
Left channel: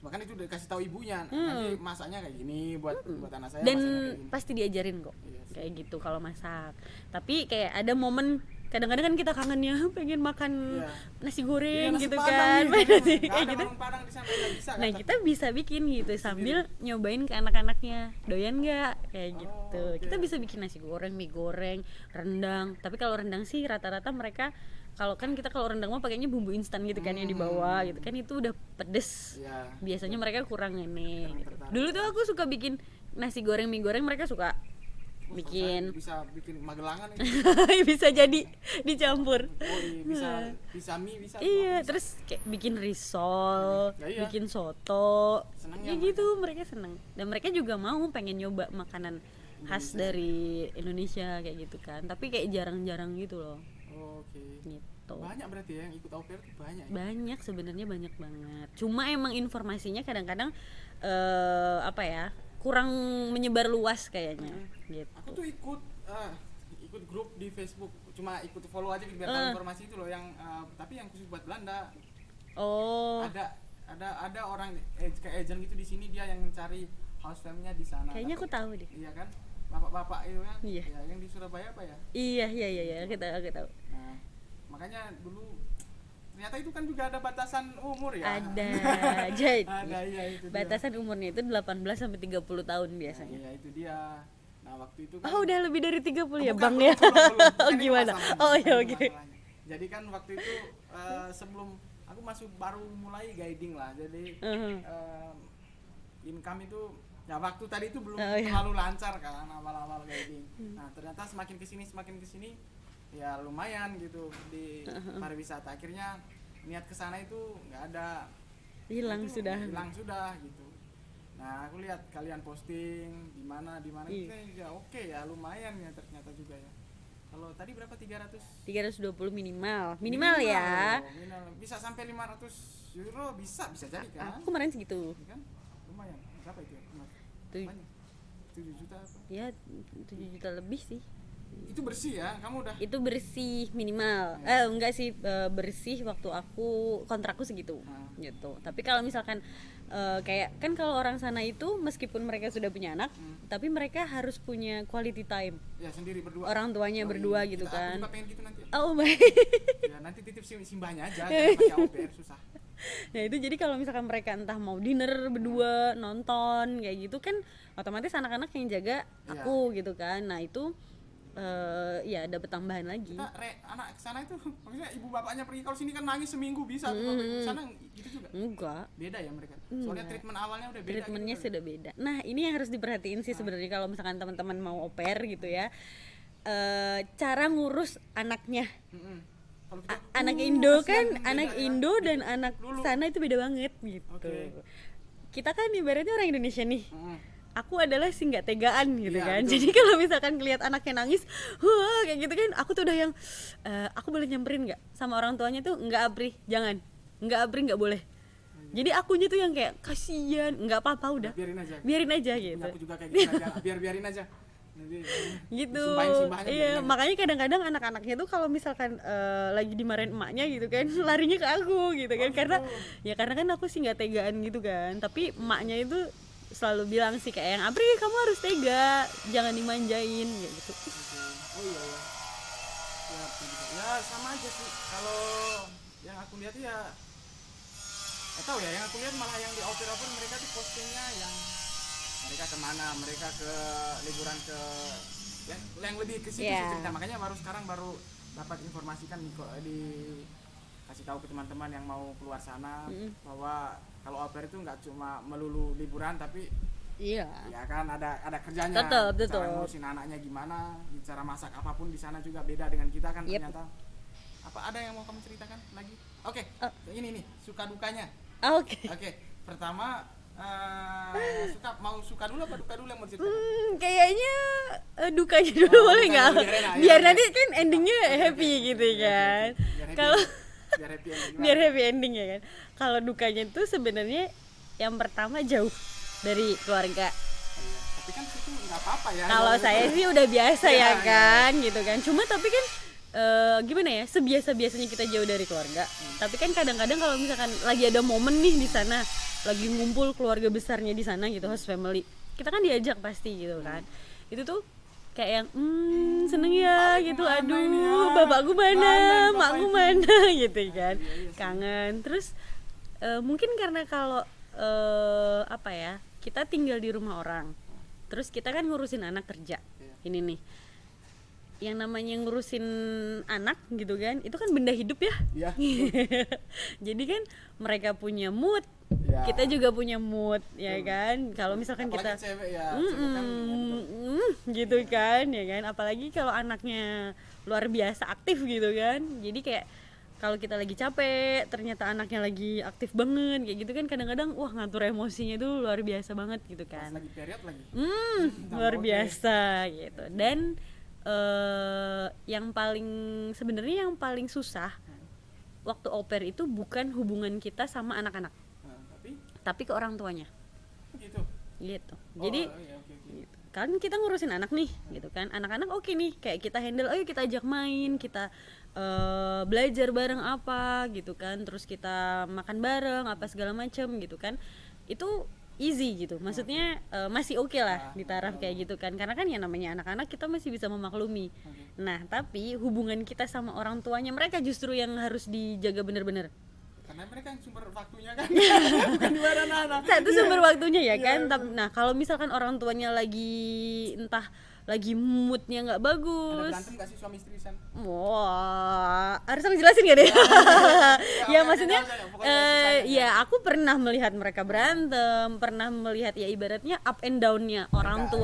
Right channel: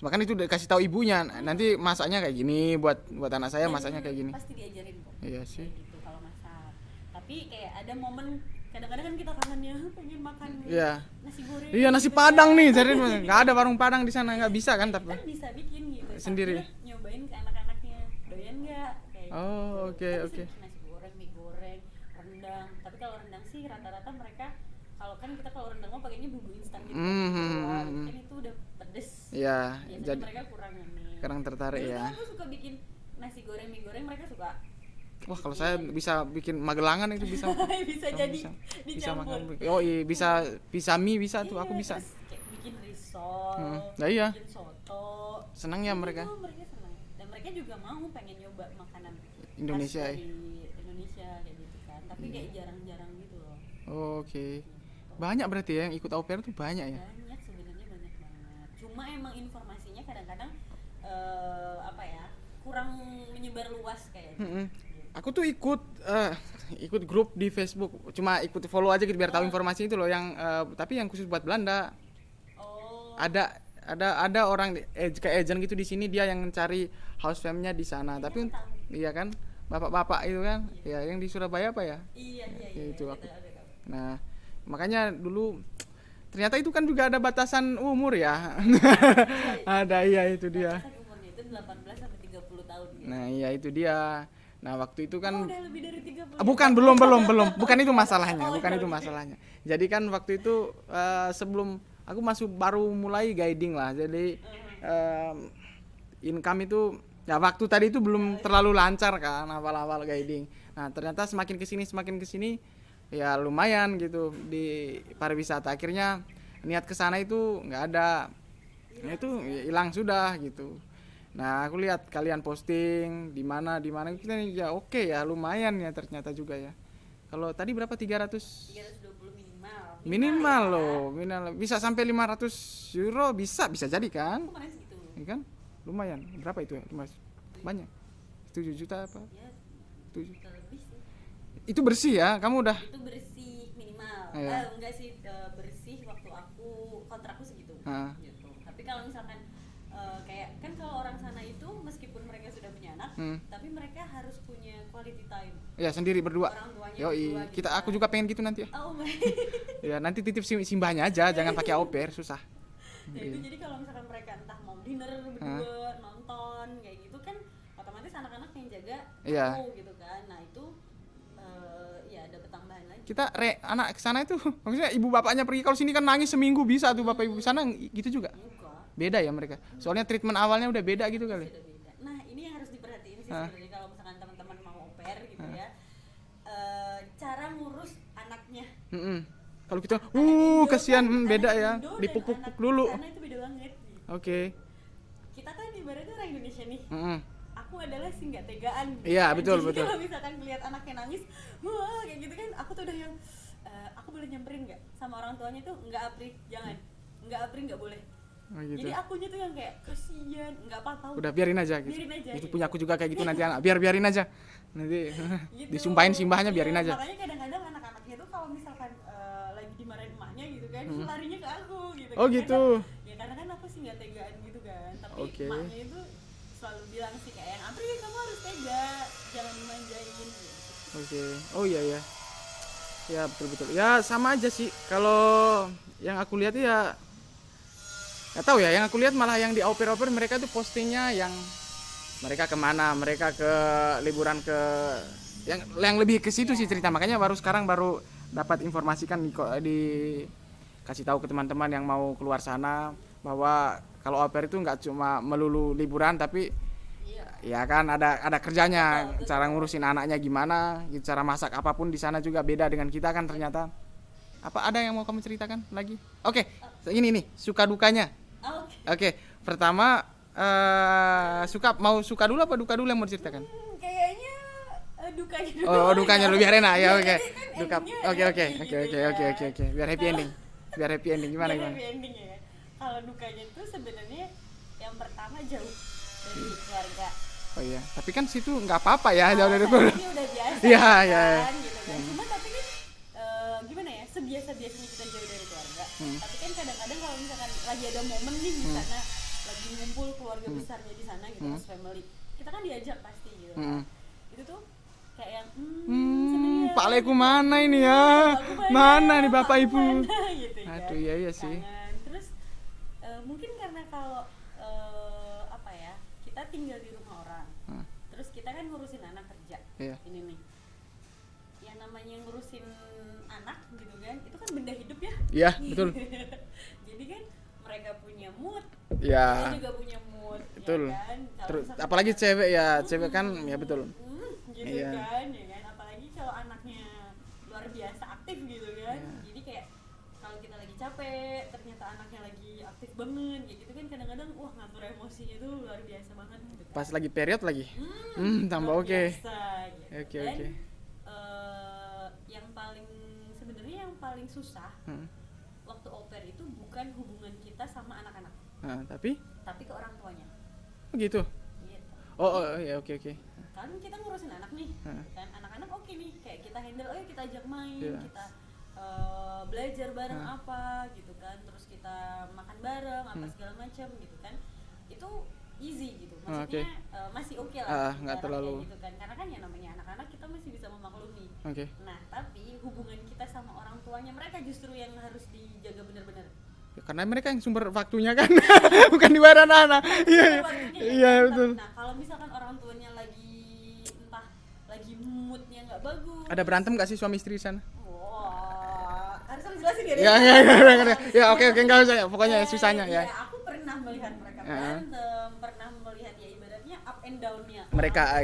Makanya itu udah kasih tahu ibunya, nanti masaknya kayak gini buat anak saya, Dan masaknya kayak gini. pasti diajarin kok. Iya sih. Kayak gitu kalau masak. Tapi kayak ada momen kadang-kadang kan kita kangen ya, pengen makan Iya. nasi goreng. Iya, nasi gitu Padang kan. nih, jadi nggak ada warung Padang di sana, nggak bisa kan? Nah, Tapi kita bisa bikin gitu Sendiri. sambil nyobain ke anak-anaknya, doyan nggak kayak Oh, gitu. oke, Kita bisa oke. bikin nasi goreng, mie goreng, rendang. Tapi kalau rendang sih rata-rata mereka, kalau kan kita kalau rendang mah pakainya bumbu instan gitu kan, yang di bawah gitu kan, itu udah pedes. Iya. Biasanya jadi- mereka kurang ini. kurang tertarik Dulu ya. tuh aku suka bikin nasi goreng, mie goreng, mereka suka Wah, kalau saya bisa bikin Magelangan itu bisa. bisa jadi Bisa dicampur. makan. Oh iya, bisa mie bisa tuh, aku Iya, bisa. terus kayak bikin risol, Nah, iya. bikin soto. Senang ya Kayak mereka. gitu, mereka senang. Dan mereka juga mau pengen nyoba makanan khas Indonesia ya? dari Indonesia kayak gitu kan. Tapi kayak jarang-jarang gitu loh. Oke. Gitu. Banyak berarti ya yang ikut au pair tuh banyak ya. Banyak sebenarnya, banyak banget. Cuma emang informasinya kadang-kadang apa ya? Kurang menyebar luas kayaknya. Gitu. Aku tuh ikut grup di Facebook, cuma ikut follow aja gitu biar tahu informasi itu loh, yang tapi yang khusus buat Belanda. Oh. Ada orang kayak agent gitu di sini, dia yang cari house fam-nya di sana. Kayaknya Tapi aku tahu deh. iya kan? bapak-bapak itu kan, Iya. ya yang di Surabaya apa ya? Iya Ya, itu kita tahu. Nah, makanya dulu ternyata itu kan juga ada batasan umur ya. Ada Ada, iya itu dia. batasan umurnya itu 18 sampai 30 tahun Nah, biasanya. iya itu dia. Nah, waktu itu kan Oh, udah lebih dari 30 Ah, ya? bukan, Bang, belum, ya? belum, belum. Bukan itu Gimana? masalahnya, Oh, bukan iya, itu oke. masalahnya. Jadi kan waktu itu sebelum aku masuk baru mulai guiding lah. Jadi income itu ya waktu tadi itu belum terlalu lancar kan awal-awal guiding. Nah, ternyata semakin kesini ya lumayan gitu di pariwisata. Akhirnya niat kesana itu nggak ada. Nah, Hilang itu sudah. hilang sudah gitu. Nah, aku lihat kalian posting di mana itu ya oke ya lumayan ya ternyata juga ya. Kalau tadi berapa 300 320 minimal. minimal ya. loh, minimal bisa sampai 500 euro bisa jadi kan? Aku kemarin segitu. Ya kan? Lumayan. Berapa itu ya, Mas? Banyak. 7 juta apa? Ya 7 juta lebih sih. Itu bersih ya? Kamu udah Itu bersih minimal. Iya. Enggak sih, bersih waktu aku kontrakku segitu. Ah. Gitu. Tapi kalau misalkan kayak kan kalau orang sana itu meskipun mereka sudah punya anak, tapi mereka harus punya quality time. ya sendiri berdua. Orang tuanya Yoi. berdua gitu Kita aku kan. juga pengen gitu nanti ya. Oh my. Ya nanti titip simbahnya aja, jangan pakai au pair, susah. Nah itu jadi kalau misalkan mereka entah mau dinner berdua, nonton kayak gitu kan otomatis anak-anak yang jaga Iya. aku gitu kan. Nah itu ya dapat tambahan lagi. Kita anak kesana itu maksudnya ibu bapaknya pergi, kalau sini kan nangis seminggu bisa tuh bapak ibu, sana gitu juga Enggak. beda ya mereka, soalnya treatment awalnya udah beda gitu Treatmentnya kali. sudah beda. Nah ini yang harus diperhatiin sih sebenarnya kalau misalkan teman-teman mau au pair gitu ya. Cara ngurus anaknya. Kalau kita Anak Indo kasihan, kan, beda anak ya, Indo dan dipupuk anak dulu. sana itu beda banget gitu. Oke. Kita kan ibaratnya orang Indonesia nih. Aku adalah si nggak tegaan gitu Iya, kan. betul, Jadi betul. kalau misalkan ngeliat anaknya nangis, wah kayak gitu kan, aku tuh udah yang aku boleh nyamperin nggak sama orang tuanya tuh nggak Apri, jangan, nggak Apri nggak boleh. Oh, gitu. Jadi akunya tuh yang kayak kasihan, nggak apa-apa Udah udah, biarin aja. biarin aja Itu gitu. punya aku juga kayak gitu nanti anak. Biarin aja. Nanti Gitu. disumpahin simbahnya biarin Iya, aja. makanya kadang-kadang anak-anaknya tuh kalau misalkan lagi dimarahin emaknya gitu kan, larinya ke aku gitu kan. Oh, gitu. Karena kan aku sih nggak tegaan gitu kan. Tapi Oke. emaknya itu selalu bilang sih kayak yang Apri kamu harus tega, jangan dimanjain gitu. Oke. Oh iya ya. Ya betul. Ya sama aja sih. Kalau yang aku lihat ya nggak tahu ya. Yang aku lihat malah yang di au pair mereka tuh postingnya yang mereka kemana, mereka ke liburan ke yang lebih ke situ sih Iya. cerita. Makanya sekarang baru dapat informasikan di kasih tahu ke teman-teman yang mau keluar sana bahwa kalau au pair itu nggak cuma melulu liburan tapi Iya. ya kan ada kerjanya. Betul. Cara ngurusin anaknya gimana, cara masak apapun di sana juga beda dengan kita kan ternyata. Apa ada yang mau kamu ceritakan lagi? Oke, ini nih suka dukanya. Oke. Oke, pertama suka dulu apa duka dulu yang mau diceritakan? Kayaknya dukanya dulu Oh, boleh dukanya nggak? dulu biar enak ya. Biar Oke. nanti kan endingnya happy gitu Oke. kan. Biar happy Kalau- ending. Biar happy ending gimana? Biar happy ending ya kan. Kalau dukanya itu sebenarnya yang pertama jauh dari keluarga. Oh iya, tapi kan situ nggak apa-apa ya. Kalau jauh dari saya itu. sih udah biasa Iya, ya iya. kan gitu kan. Cuma tapi kan gimana ya, sebiasa-biasanya kita jauh dari keluarga. Tapi kan kadang-kadang kalau misalkan lagi ada momen nih di sana, lagi ngumpul keluarga besarnya di sana gitu, host family, kita kan diajak pasti gitu kan. Itu tuh kayak yang seneng ya Pak Leku gitu. mana Aduh, ini ya? bapakku mana, Mana nih bapak emakku ibu? mana gitu kan. Aduh, iya sih. Kangen. Terus mungkin karena kalau apa ya, kita tinggal di rumah orang, terus kita kan ngurusin anak kerja. Iya. Ini nih, yang namanya ngurusin anak gitu kan, itu kan benda hidup ya. Iya, betul. Jadi kan mereka punya mood, Ya. kita juga punya mood, ya Betul. kan. Kalau misalkan apalagi kita, cewek ya, cewek kan ya betul. gitu Iya. kan, ya kan. Apalagi kalau anaknya luar biasa aktif gitu kan. Jadi kayak kalau kita lagi capek, ternyata anaknya lagi aktif banget, kayak gitu kan kadang-kadang wah ngatur emosinya tuh luar biasa banget gitu kan. Pas lagi period lagi. Tambah Luar oke. biasa gitu. Oke, Dan yang paling sebenarnya yang paling susah waktu au pair itu bukan hubungan kita sama anak-anak, Nah, tapi tapi ke orang tuanya gitu. gitu. Oh, Jadi ya oke. kan kita ngurusin anak nih gitu kan, anak-anak oke nih, kayak kita handle, ayo kita ajak main, kita belajar bareng apa gitu kan, terus kita makan bareng apa segala macam gitu kan. Itu easy gitu, maksudnya masih oke lah di nggak taraf kayak terlalu. gitu kan, karena kan ya namanya anak-anak kita masih bisa memaklumi. Oke. Nah tapi hubungan kita sama orang tuanya mereka justru yang harus dijaga bener-bener. Ya, karena mereka yang sumber waktunya kan, bukan di badan anak. Itu sumber waktunya ya Iya, kan. betul. Nah kalau misalkan orang tuanya lagi entah lagi moodnya nggak bagus, Ada berantem gak sih suami istri di sana? wah harus aku jelasin gak deh? Ya, ya, oke, maksudnya, nggak usah ya, pokoknya susahnya, ya. ya aku pernah melihat mereka berantem, pernah melihat ya ibaratnya up and down-nya Mereka,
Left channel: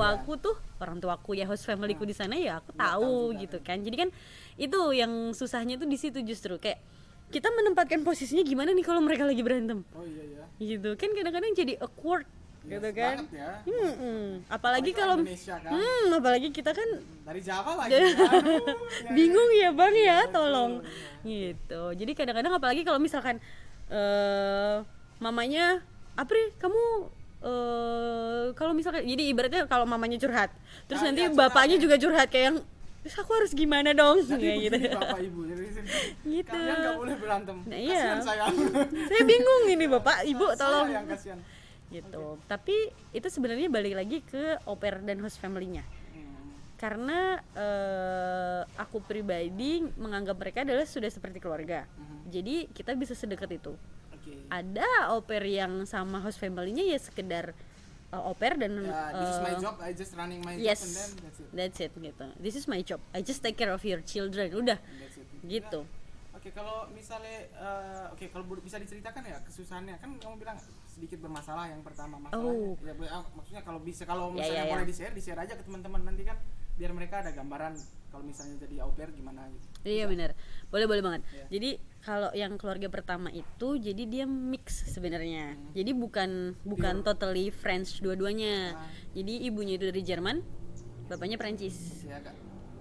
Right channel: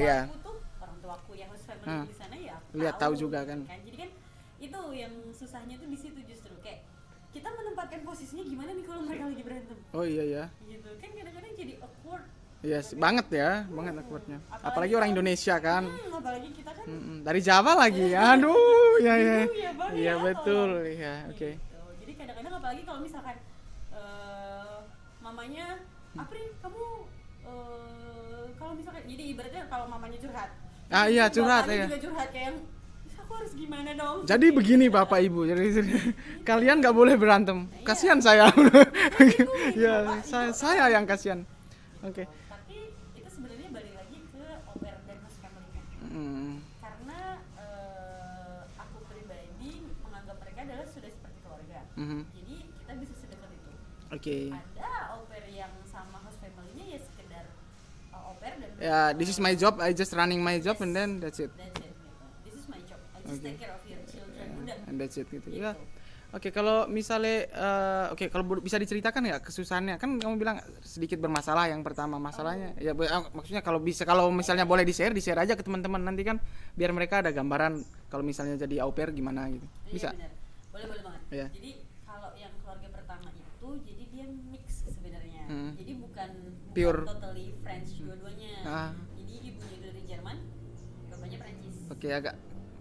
orang tuaku ya host familyku di sana ya aku Iya, tahu, tahu juga gitu kan. kan. Jadi kan itu yang susahnya tuh di situ justru kayak kita menempatkan posisinya gimana nih kalau mereka lagi berantem Oh iya ya. gitu kan, kadang-kadang jadi awkward. Yes, gitu kan. banget ya, banget awkwardnya. Apalagi orang kalau- Indonesia kan. Apalagi kita kan Dari Jawa lagi. Aduh, ya, bingung ya bang Iya, ya, betul. tolong Ya, oke. gitu. Jadi kadang-kadang apalagi kalau misalkan mamanya Apri kamu kalau misalkan jadi ibaratnya kalau mamanya curhat terus nanti iya, curhat, bapaknya ya. juga curhat kayak yang terus aku harus gimana dong. Jadi Kayak begini gitu. Bapak Ibu, jadi kalian nggak boleh berantem. Nah, iya. Kasihan saya. Saya bingung ini Ya, bapak ibu saya tolong. yang kasihan. Gitu. Oke. Tapi itu sebenarnya balik lagi ke au pair dan host family-nya. Hmm, Karena aku pribadi menganggap mereka adalah sudah seperti keluarga. mhm. Jadi kita bisa sedekat itu. Oke. Ada au pair yang sama host family-nya ya sekedar au pair dan Ya, this is my job, I just running my job yes, and then that's it. That's it gitu. This is my job. I just take care of your children. Udah. And that's it gitu. Gitu. Ya. Oke, kalau misalnya kalau bisa diceritakan ya kesusahannya. Kan kamu bilang sedikit bermasalah yang pertama masalahnya. Oh. Ya maksudnya kalau misalnya Ya. boleh di-share aja ke teman-teman nanti kan biar mereka ada gambaran kalau misalnya jadi au pair gimana gitu. Iya benar. Boleh banget. Iya. Jadi kalau yang keluarga pertama itu jadi dia mix sebenarnya. Jadi bukan Pure. totally French dua-duanya. Ah. Jadi ibunya itu dari Jerman, bapaknya Prancis. Oke, agak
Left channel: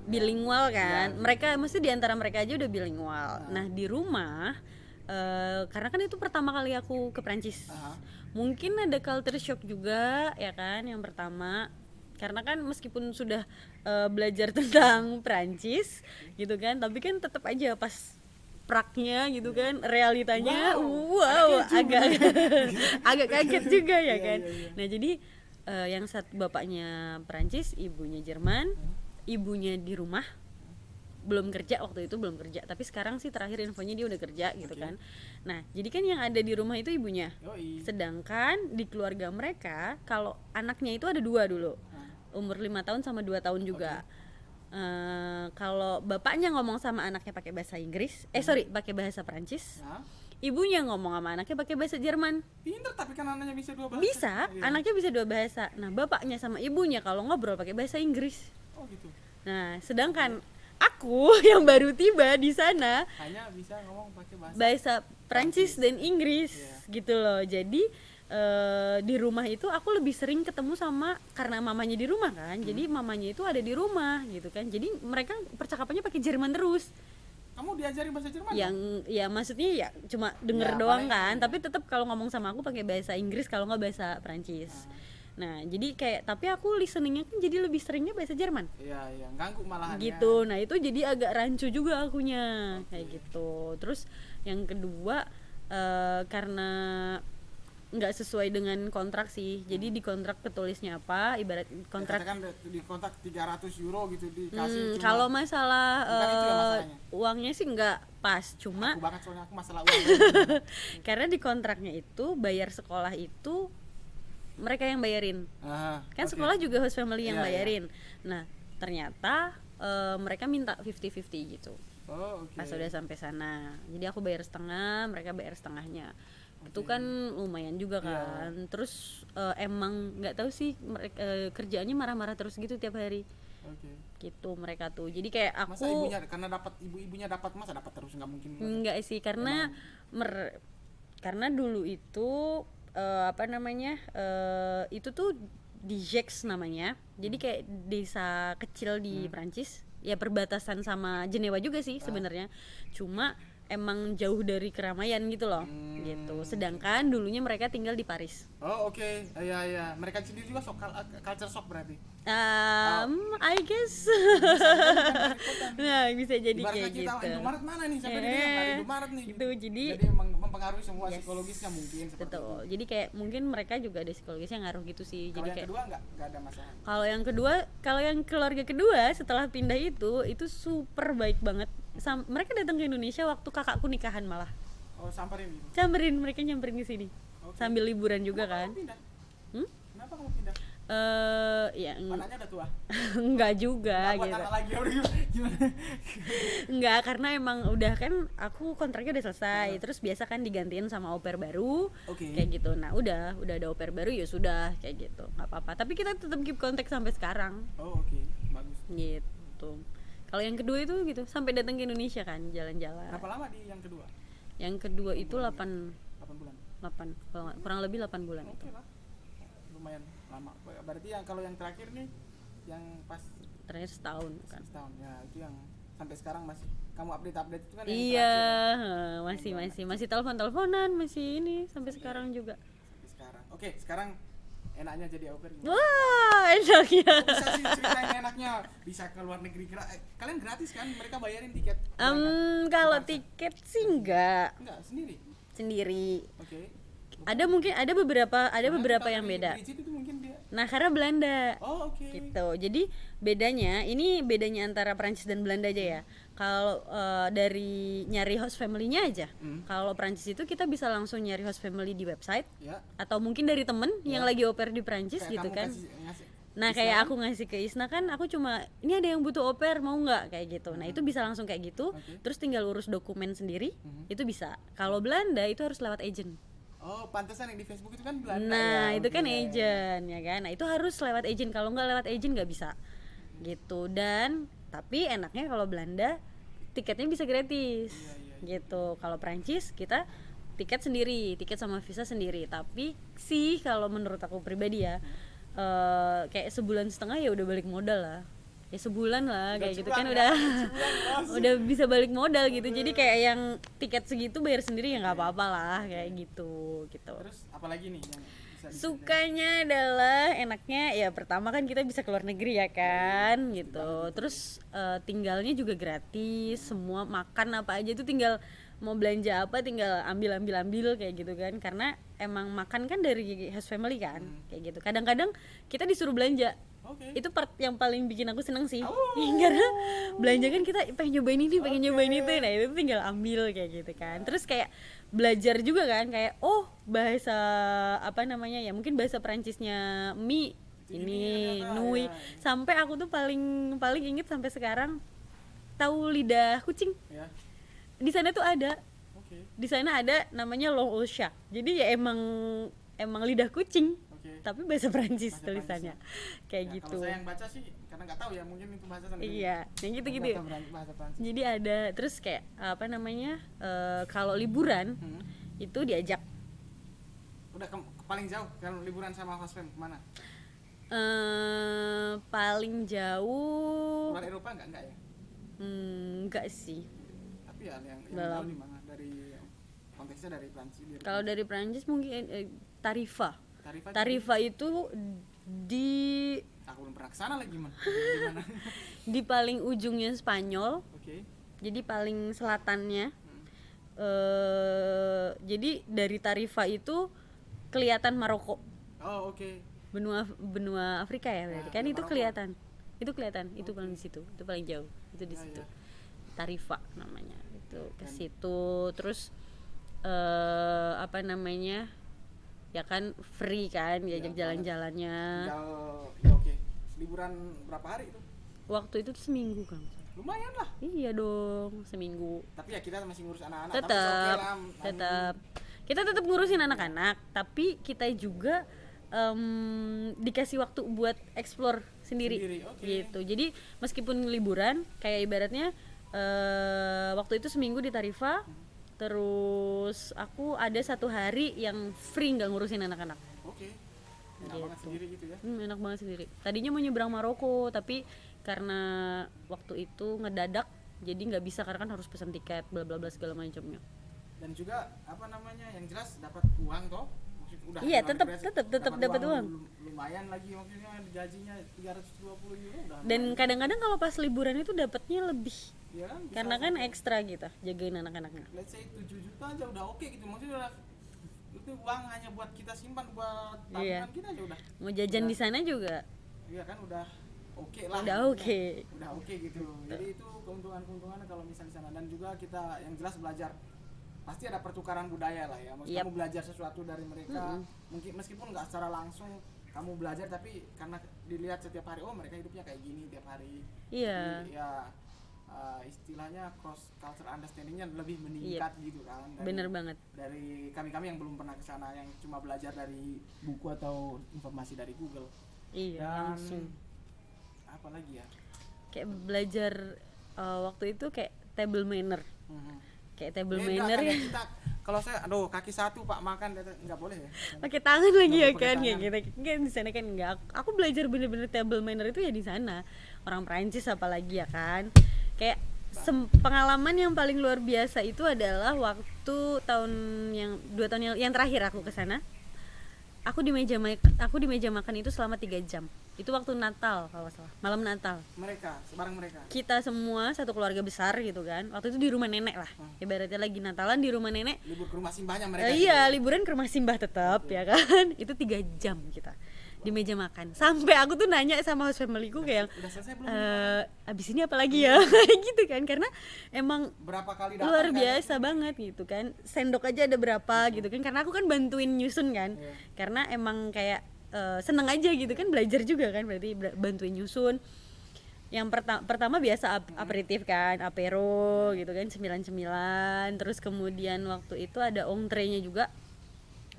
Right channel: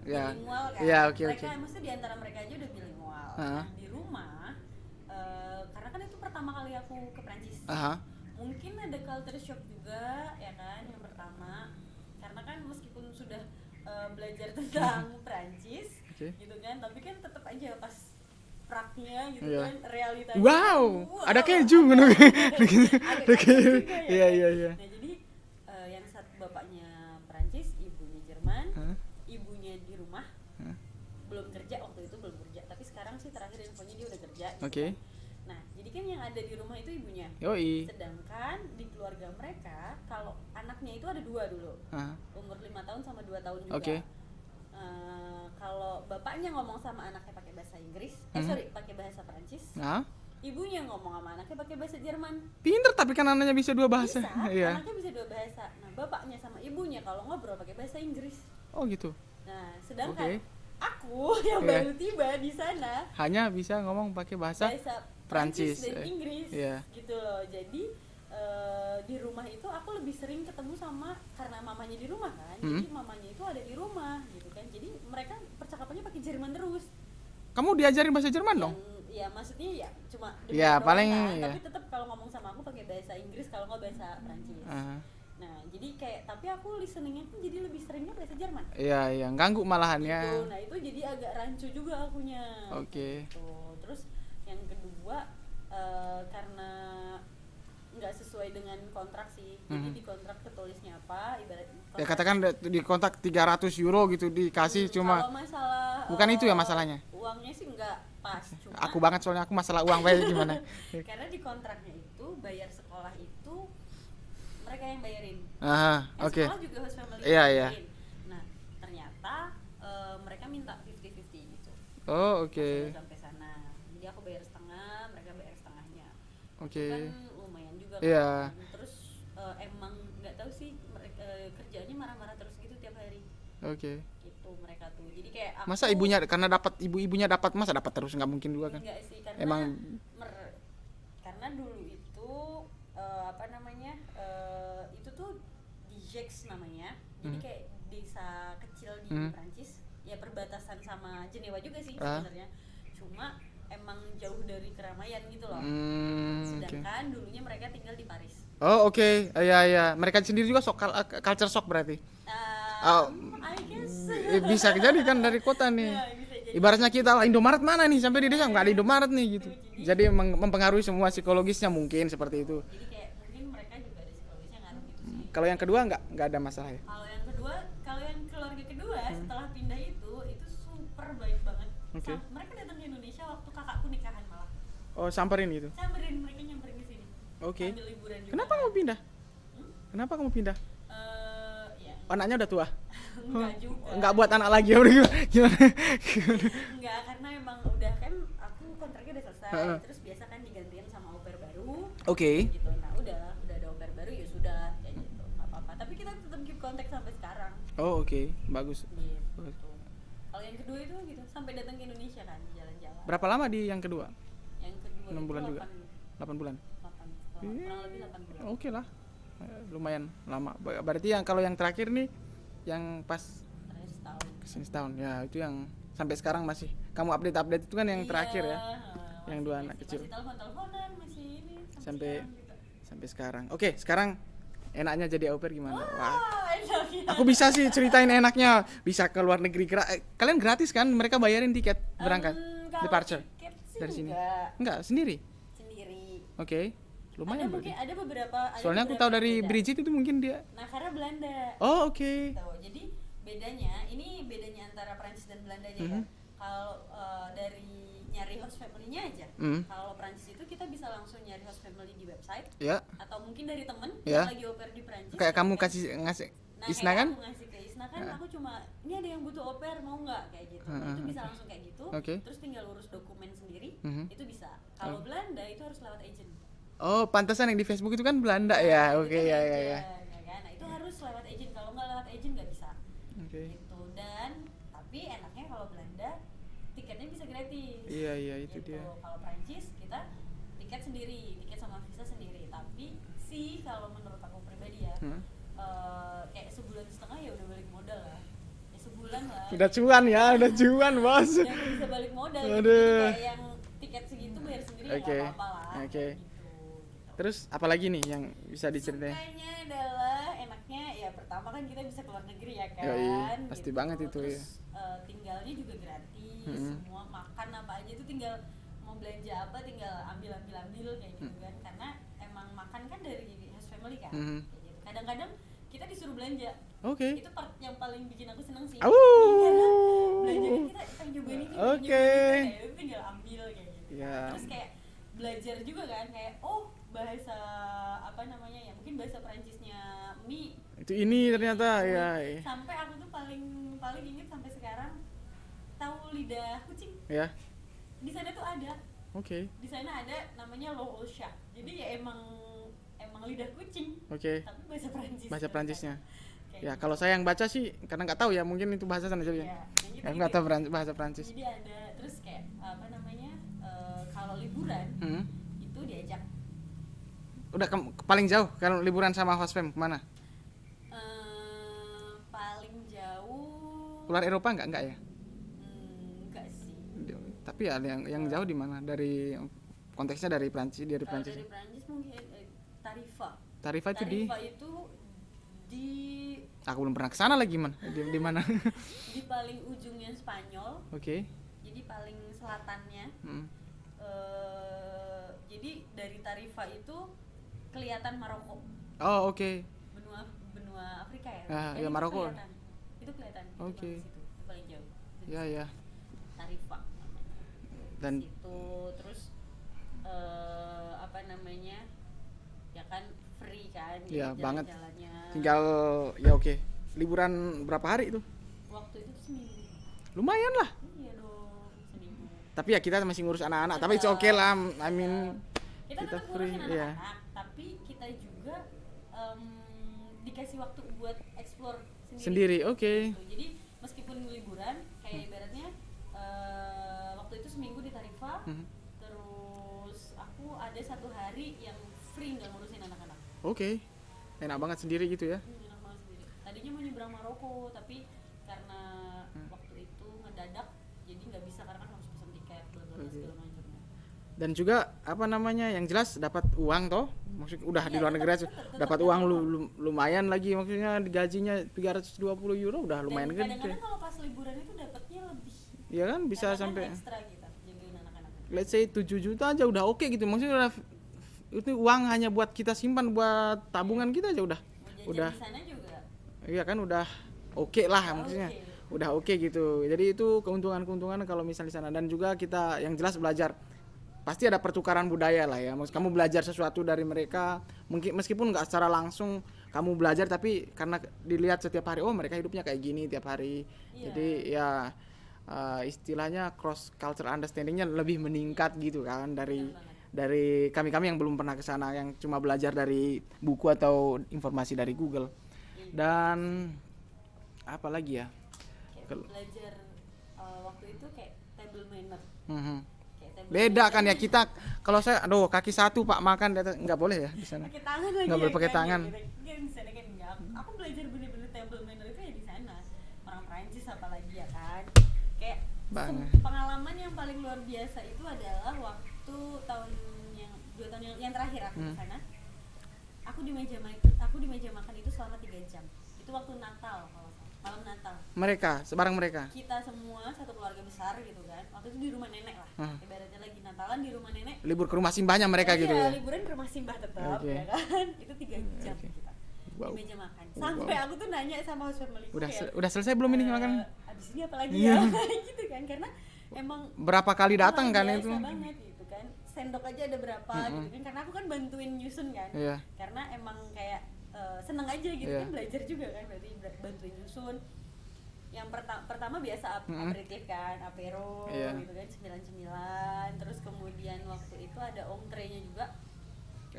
ya. Bilingual kan. Iya, oke, Mereka mesti di antara mereka aja udah bilingual. Ah. Nah, di rumah karena kan itu pertama kali aku ke Prancis. Aha. Mungkin ada culture shock juga ya kan yang pertama. Karena kan meskipun sudah belajar tentang Prancis gitu kan, tapi kan tetap aja pas praknya gitu Iya. kan realitanya Wow, ada keju. agak kaget juga ya Iya, kan. iya, iya. Nah jadi yang bapaknya Prancis, ibunya Jerman, ibunya di rumah belum kerja waktu itu belum kerja, tapi sekarang sih terakhir infonya dia udah kerja gitu Oke. kan. Nah jadi kan yang ada di rumah itu ibunya. Yoi. Sedangkan di keluarga mereka kalau anaknya itu ada dua dulu, Ah, umur 5 tahun sama 2 tahun juga. Oke. Kalau bapaknya ngomong sama anaknya pakai bahasa Inggris, pakai bahasa Prancis, nah, ibunya ngomong sama anaknya pakai bahasa Jerman. pinter tapi kan anaknya bisa dua bahasa. Bisa, Iya. anaknya bisa dua bahasa. Nah, bapaknya sama ibunya kalau ngobrol pakai bahasa Inggris. Oh gitu. Nah, sedangkan Oke. aku yang Iya. baru tiba di sana Hanya bisa ngomong pakai bahasa. bahasa Prancis Prancis, dan Inggris iya. gitu loh. Jadi di rumah itu aku lebih sering ketemu sama karena mamanya di rumah kan. Jadi mamanya itu ada di rumah gitu kan. Jadi mereka percakapannya pakai Jerman terus. Kamu diajarin bahasa Jerman Yang dong? ya maksudnya ya cuma dengar Ya, doang paling, kan, ya. tapi tetap kalau ngomong sama aku pakai bahasa Inggris kalau nggak bahasa Prancis. Ah. Nah, jadi kayak tapi aku listeningnya kan jadi lebih seringnya bahasa Jerman. Iya, iya, ganggu malahan ya. Gitu. Nah, itu jadi agak rancu juga akunya. Oke. Kayak gitu. Terus yang kedua karena nggak sesuai dengan kontrak sih. Jadi di kontrak ketulisnya apa, ibarat Ya kontrak katakan di kontak 300 euro gitu dikasih kalau cuma masalah bukan itu ya masalahnya? Uangnya sih nggak pas, cuma aku banget soalnya aku masalah uang baik gimana. karena di kontraknya itu bayar sekolah itu mereka yang bayarin. Aha, Kan oke. sekolah juga host family yang Iya, iya. bayarin. Nah, ternyata mereka minta 50-50 gitu. Oh, oke. Pas udah sampai sana. Jadi aku bayar setengah, mereka bayar setengahnya. Itu Oke. kan lumayan juga kan. Iya. Terus emang nggak tahu sih kerjaannya marah-marah terus gitu tiap hari. Oke. Gitu mereka tuh. Jadi kayak aku Masa ibunya karena dapat ibunya dapat masa dapat terus nggak mungkin juga kan? enggak sih karena Emang- karena dulu itu itu tuh di Gex namanya. Jadi kayak desa kecil di Prancis. Ya perbatasan sama Jenewa juga sih sebenarnya. Cuma emang jauh dari keramaian gitu loh. Gitu. Sedangkan dulunya mereka tinggal di Paris. Oh, oke. Iya, iya. Mereka sendiri juga culture shock berarti. I guess. Bisa jadi kan dari kota nih. Nah, bisa jadi Ibaratnya kayak kita gitu. Indomaret mana nih sampai di desa nggak ada Indomaret nih gitu. Jadi- Jadi mempengaruhi semua psikologisnya mungkin seperti itu. Betul. Jadi kayak mungkin mereka juga ada psikologisnya ngaruh gitu sih. Kalau Jadi yang kayak- kedua nggak ada masalah ya. kalau yang keluarga kedua setelah pindah itu super baik banget. Mereka datang ke Indonesia waktu kakakku nikahan malah. Oh, samperin gitu. Mereka nyamperin ke sini. Oke. Sambil liburan juga Kenapa kan. kamu pindah? Hmm? Kenapa kamu pindah? Ya Anaknya udah tua. enggak juga. Nggak buat gitu. anak lagi ya udah gimana? Enggak, karena emang udah kan aku kontraknya udah selesai. Terus biasa kan digantiin sama au pair baru. Oke. Kayak gitu. Nah, udah ada au pair baru ya sudah kayak gitu. Nggak apa-apa. Tapi kita tetap keep kontak sampai sekarang. Oh, oke. Bagus. Gitu. Kalau yang kedua itu gitu, sampai datang ke Indonesia kan, jalan-jalan. Berapa lama di yang kedua? Yang kedua 6 itu bulan 8 juga? 8 bulan. kurang lebih 8 bulan. Oke lah. Lumayan lama. Berarti yang kalau yang terakhir nih yang pas Terakhir setahun. setahun ya itu yang sampai sekarang masih kamu update itu kan yang Iya, terakhir ya. masih dua anak kecil. masih telepon-teleponan, masih ini sampai sekarang juga. Sampai sekarang. Oke, sekarang enaknya jadi au pair gimana? Wah, enak ya. Aku bisa sih ceritain enaknya. Bisa ke luar negeri. Kalian gratis kan? Mereka bayarin tiket berangkat. Kalau Departure. tiket sih Dari sini. enggak Sendiri. sendiri. Oke. Ada mungkin ada beberapa Soalnya aku tahu yang dari beda. Bridget itu mungkin dia. Nah, karena Belanda. Oh, oke. Gitu. Jadi bedanya antara Prancis dan Belanda aja ya. Kalau dari nyari host family-nya aja. Kalau Prancis itu kita bisa langsung nyari host family di website Ya. atau mungkin dari temen Ya. yang lagi au pair di Prancis Kayak gitu kamu kan. ngasih Nah, Isna kayak kan? aku ngasih ke Isna kan, aku cuma ini ada yang butuh au pair mau nggak kayak gitu. Nah, itu bisa langsung kayak gitu. Oke. Terus tinggal urus dokumen sendiri, itu bisa. Kalau Belanda itu harus lewat agent. Oh, pantesan yang di Facebook itu kan Belanda Nah, ya. itu Oke, kan ya, ya, ya. agent ya kan. Nah, itu harus lewat agent. Kalau nggak lewat agent nggak bisa. Oke. Gitu. Dan tapi enaknya kalau Belanda tiketnya bisa gratis. Iya, itu gitu. Kalau Prancis kita tiket sendiri, tiket sama visa sendiri. Tapi sih kalau menurut aku pribadi ya, kayak sebulan setengah ya udah balik modal lah. Ya sebulan lah. Udah kayak gitu cuan kan ya, udah cuan, Bos. udah bisa balik modal gitu. Aduh. Jadi kayak yang tiket segitu bayar sendiri ya nggak Oke. apa-apa lah Oke. kayak gitu. Terus apalagi nih yang bisa diceritain? Sukanya adalah enaknya ya pertama kan kita bisa keluar negeri ya kan pasti gitu. banget itu, Terus tinggalnya juga gratis, semua makan apa aja itu tinggal mau belanja apa tinggal ambil kayak gitu kan. Karena emang makan kan dari host family kan kayak gitu. Kadang-kadang kita disuruh belanja. Oke. Itu part yang paling bikin aku seneng sih. Au. Karena belanja kan kita pengen nyobain ini, pengen Oke. nyobain itu. Nah, itu tinggal ambil kayak gitu kan. Ya. Terus kayak belajar juga kan kayak bahasa apa namanya ya, mungkin bahasa Perancisnya mie Itu ini ternyata, mui. ya. Sampai aku tuh paling inget sampai sekarang tahu lidah kucing. Ya. Di sana tuh ada. Oke. Di sana ada namanya long au chat. Jadi ya emang lidah kucing. Oke. Tapi bahasa Perancis Bahasa tulisannya. Perancisnya. Kayak Ya, gitu. kalau saya yang baca sih karena nggak tahu ya, mungkin itu bahasa sana jadi. Iya, yang gitu-gitu. Yang bahasa Prancis. Jadi ada terus kayak apa namanya kalau liburan itu diajak Udah paling jauh kalau liburan sama host fam kemana? paling jauh Keluar Eropa nggak ya? enggak sih. Tapi ya yang jauh di mana? Dari konteksnya dari Prancis, Kalau dari Prancis mungkin Tarifa. Tarifa itu di aku belum pernah kesana lagi man. Di mana? di paling ujungnya Spanyol. Oke. Jadi paling selatannya. Hmm. Jadi dari Tarifa itu kelihatan Maroko. Oh, oke. benua Afrika ya, Ya, kan ya, itu Maroko. kelihatan itu Oke. paling di situ, itu paling jauh, itu di Ya, situ. ya. Tarifa namanya itu ke Dan- situ. Terus apa namanya ya kan free kan Ya, jadi banget. jalan-jalannya. Tinggal ya oke. Liburan berapa hari itu? Waktu itu tuh seminggu kan. Lumayan lah. Iya dong, seminggu. Tapi ya kita masih ngurus anak-anak, tapi Tetap, oke lah. I mean, tetap. Kita tetap tetap ngurusin iya. anak-anak, tapi kita juga dikasih waktu buat explore sendiri. Sendiri, oke. Gitu. Jadi meskipun liburan, kayak ibaratnya waktu itu seminggu di Tarifa, terus aku ada 1 hari yang free nggak ngurusin anak-anak. Oke. Enak banget sendiri gitu ya. Enak banget sendiri. Tadinya mau nyebrang Maroko, tapi karena waktu itu ngedadak, jadi nggak bisa karena kan harus pesan tiket, bla bla bla segala macamnya. Dan juga apa namanya, yang jelas dapat uang toh, maksud udah di Iya, luar negeri aja tetap dapat dapat uang uang. lumayan lagi, maksudnya gajinya 320 euro udah lumayan. Dan kadang-kadang kalau pas liburan itu dapatnya lebih, ya kan bisa karena kan sampai ekstra gitu jagain anak-anaknya. let's say 7 juta aja udah oke gitu, maksudnya udah, itu uang hanya buat kita simpan buat tabungan kita aja udah. Mau jajan Udah. di sana juga Iya kan udah oke lah, udah maksudnya oke. udah oke gitu. Jadi itu keuntungan-keuntungan kalau misalnya di sana. Dan juga kita yang jelas belajar, pasti ada pertukaran budaya lah ya. Maksud Yap. kamu belajar sesuatu dari mereka, mungkin meskipun nggak secara langsung kamu belajar, tapi karena dilihat setiap hari, oh mereka hidupnya kayak gini tiap hari. Iya. Jadi ya istilahnya cross cultural understandingnya lebih meningkat gitu kan Bener banget. dari kami yang belum pernah ke sana, yang cuma belajar dari buku atau informasi dari Google. Iya, Dan sih. apa lagi ya? Kayak belajar waktu itu kayak table manner. Mhm. Kayak table Beda manner. kan ya kita, kalau saya aduh kaki satu Pak makan nggak boleh ya di sana. Pakai tangan lagi Nggak ya boleh pakai kan tangan. ya kita kan di sana kan enggak. Aku belajar bener-bener table manner itu ya di sana. Orang Perancis apalagi ya kan. Kayak pengalaman yang paling luar biasa itu adalah waktu tahun yang 2 tahun yang terakhir aku ke sana. Aku di meja makan itu selama 3 jam. Itu waktu Natal kalau salah, malam Natal. Mereka, sebarang mereka. Kita semua satu keluarga besar gitu kan. Waktu itu di rumah nenek lah. Ibaratnya lagi Natalan di rumah nenek. Libur ke rumah simbahnya mereka gitu. Iya, liburan ke rumah simbah tetap Oke. ya kan. Itu 3 jam kita di meja makan. Sampai aku tuh nanya sama host familyku kayak Udah selesai belum ini makan? abis ini apa lagi ya? Gitu kan, karena emang Berapa kali datang kan luar itu? biasa banget gitu kan. Sendok aja ada berapa gitu kan, karena aku kan bantuin nyusun kan. Iya. Karena emang kayak seneng aja gitu Iya. kan, belajar juga kan, berarti bantuin nyusun. Yang pertama biasa aperitif kan, apero Iya. gitu kan, cemilan-cemilan. Terus kemudian waktu itu ada entree-nya juga,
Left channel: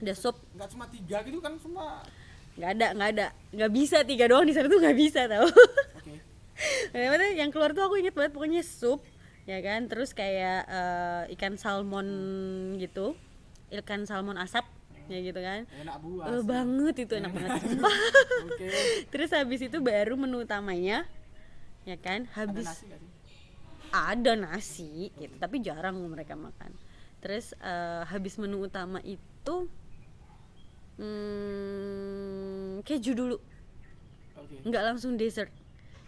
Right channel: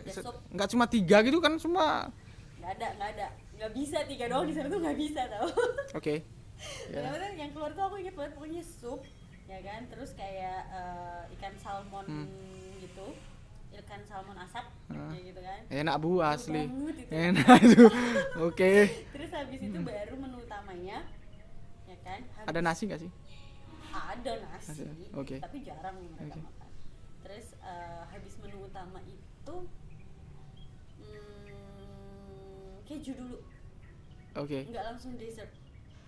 ada sup. Nggak cuma 3 gitu kan semua. nggak bisa 3 doang di sana tuh, nggak bisa tau. Oke. Maksudnya yang keluar tuh aku inget banget, pokoknya sup ya kan, terus kayak ikan salmon gitu, ikan salmon asap ya gitu kan. Enak Bu Enak asli. banget itu, enak Enak tuh. Oke. Terus habis itu baru menu utamanya ya kan. Ada nasi nggak sih? Ada nasi, Oke. tapi jarang mereka makan. Terus habis menu utama itu keju dulu, Oke. nggak langsung dessert.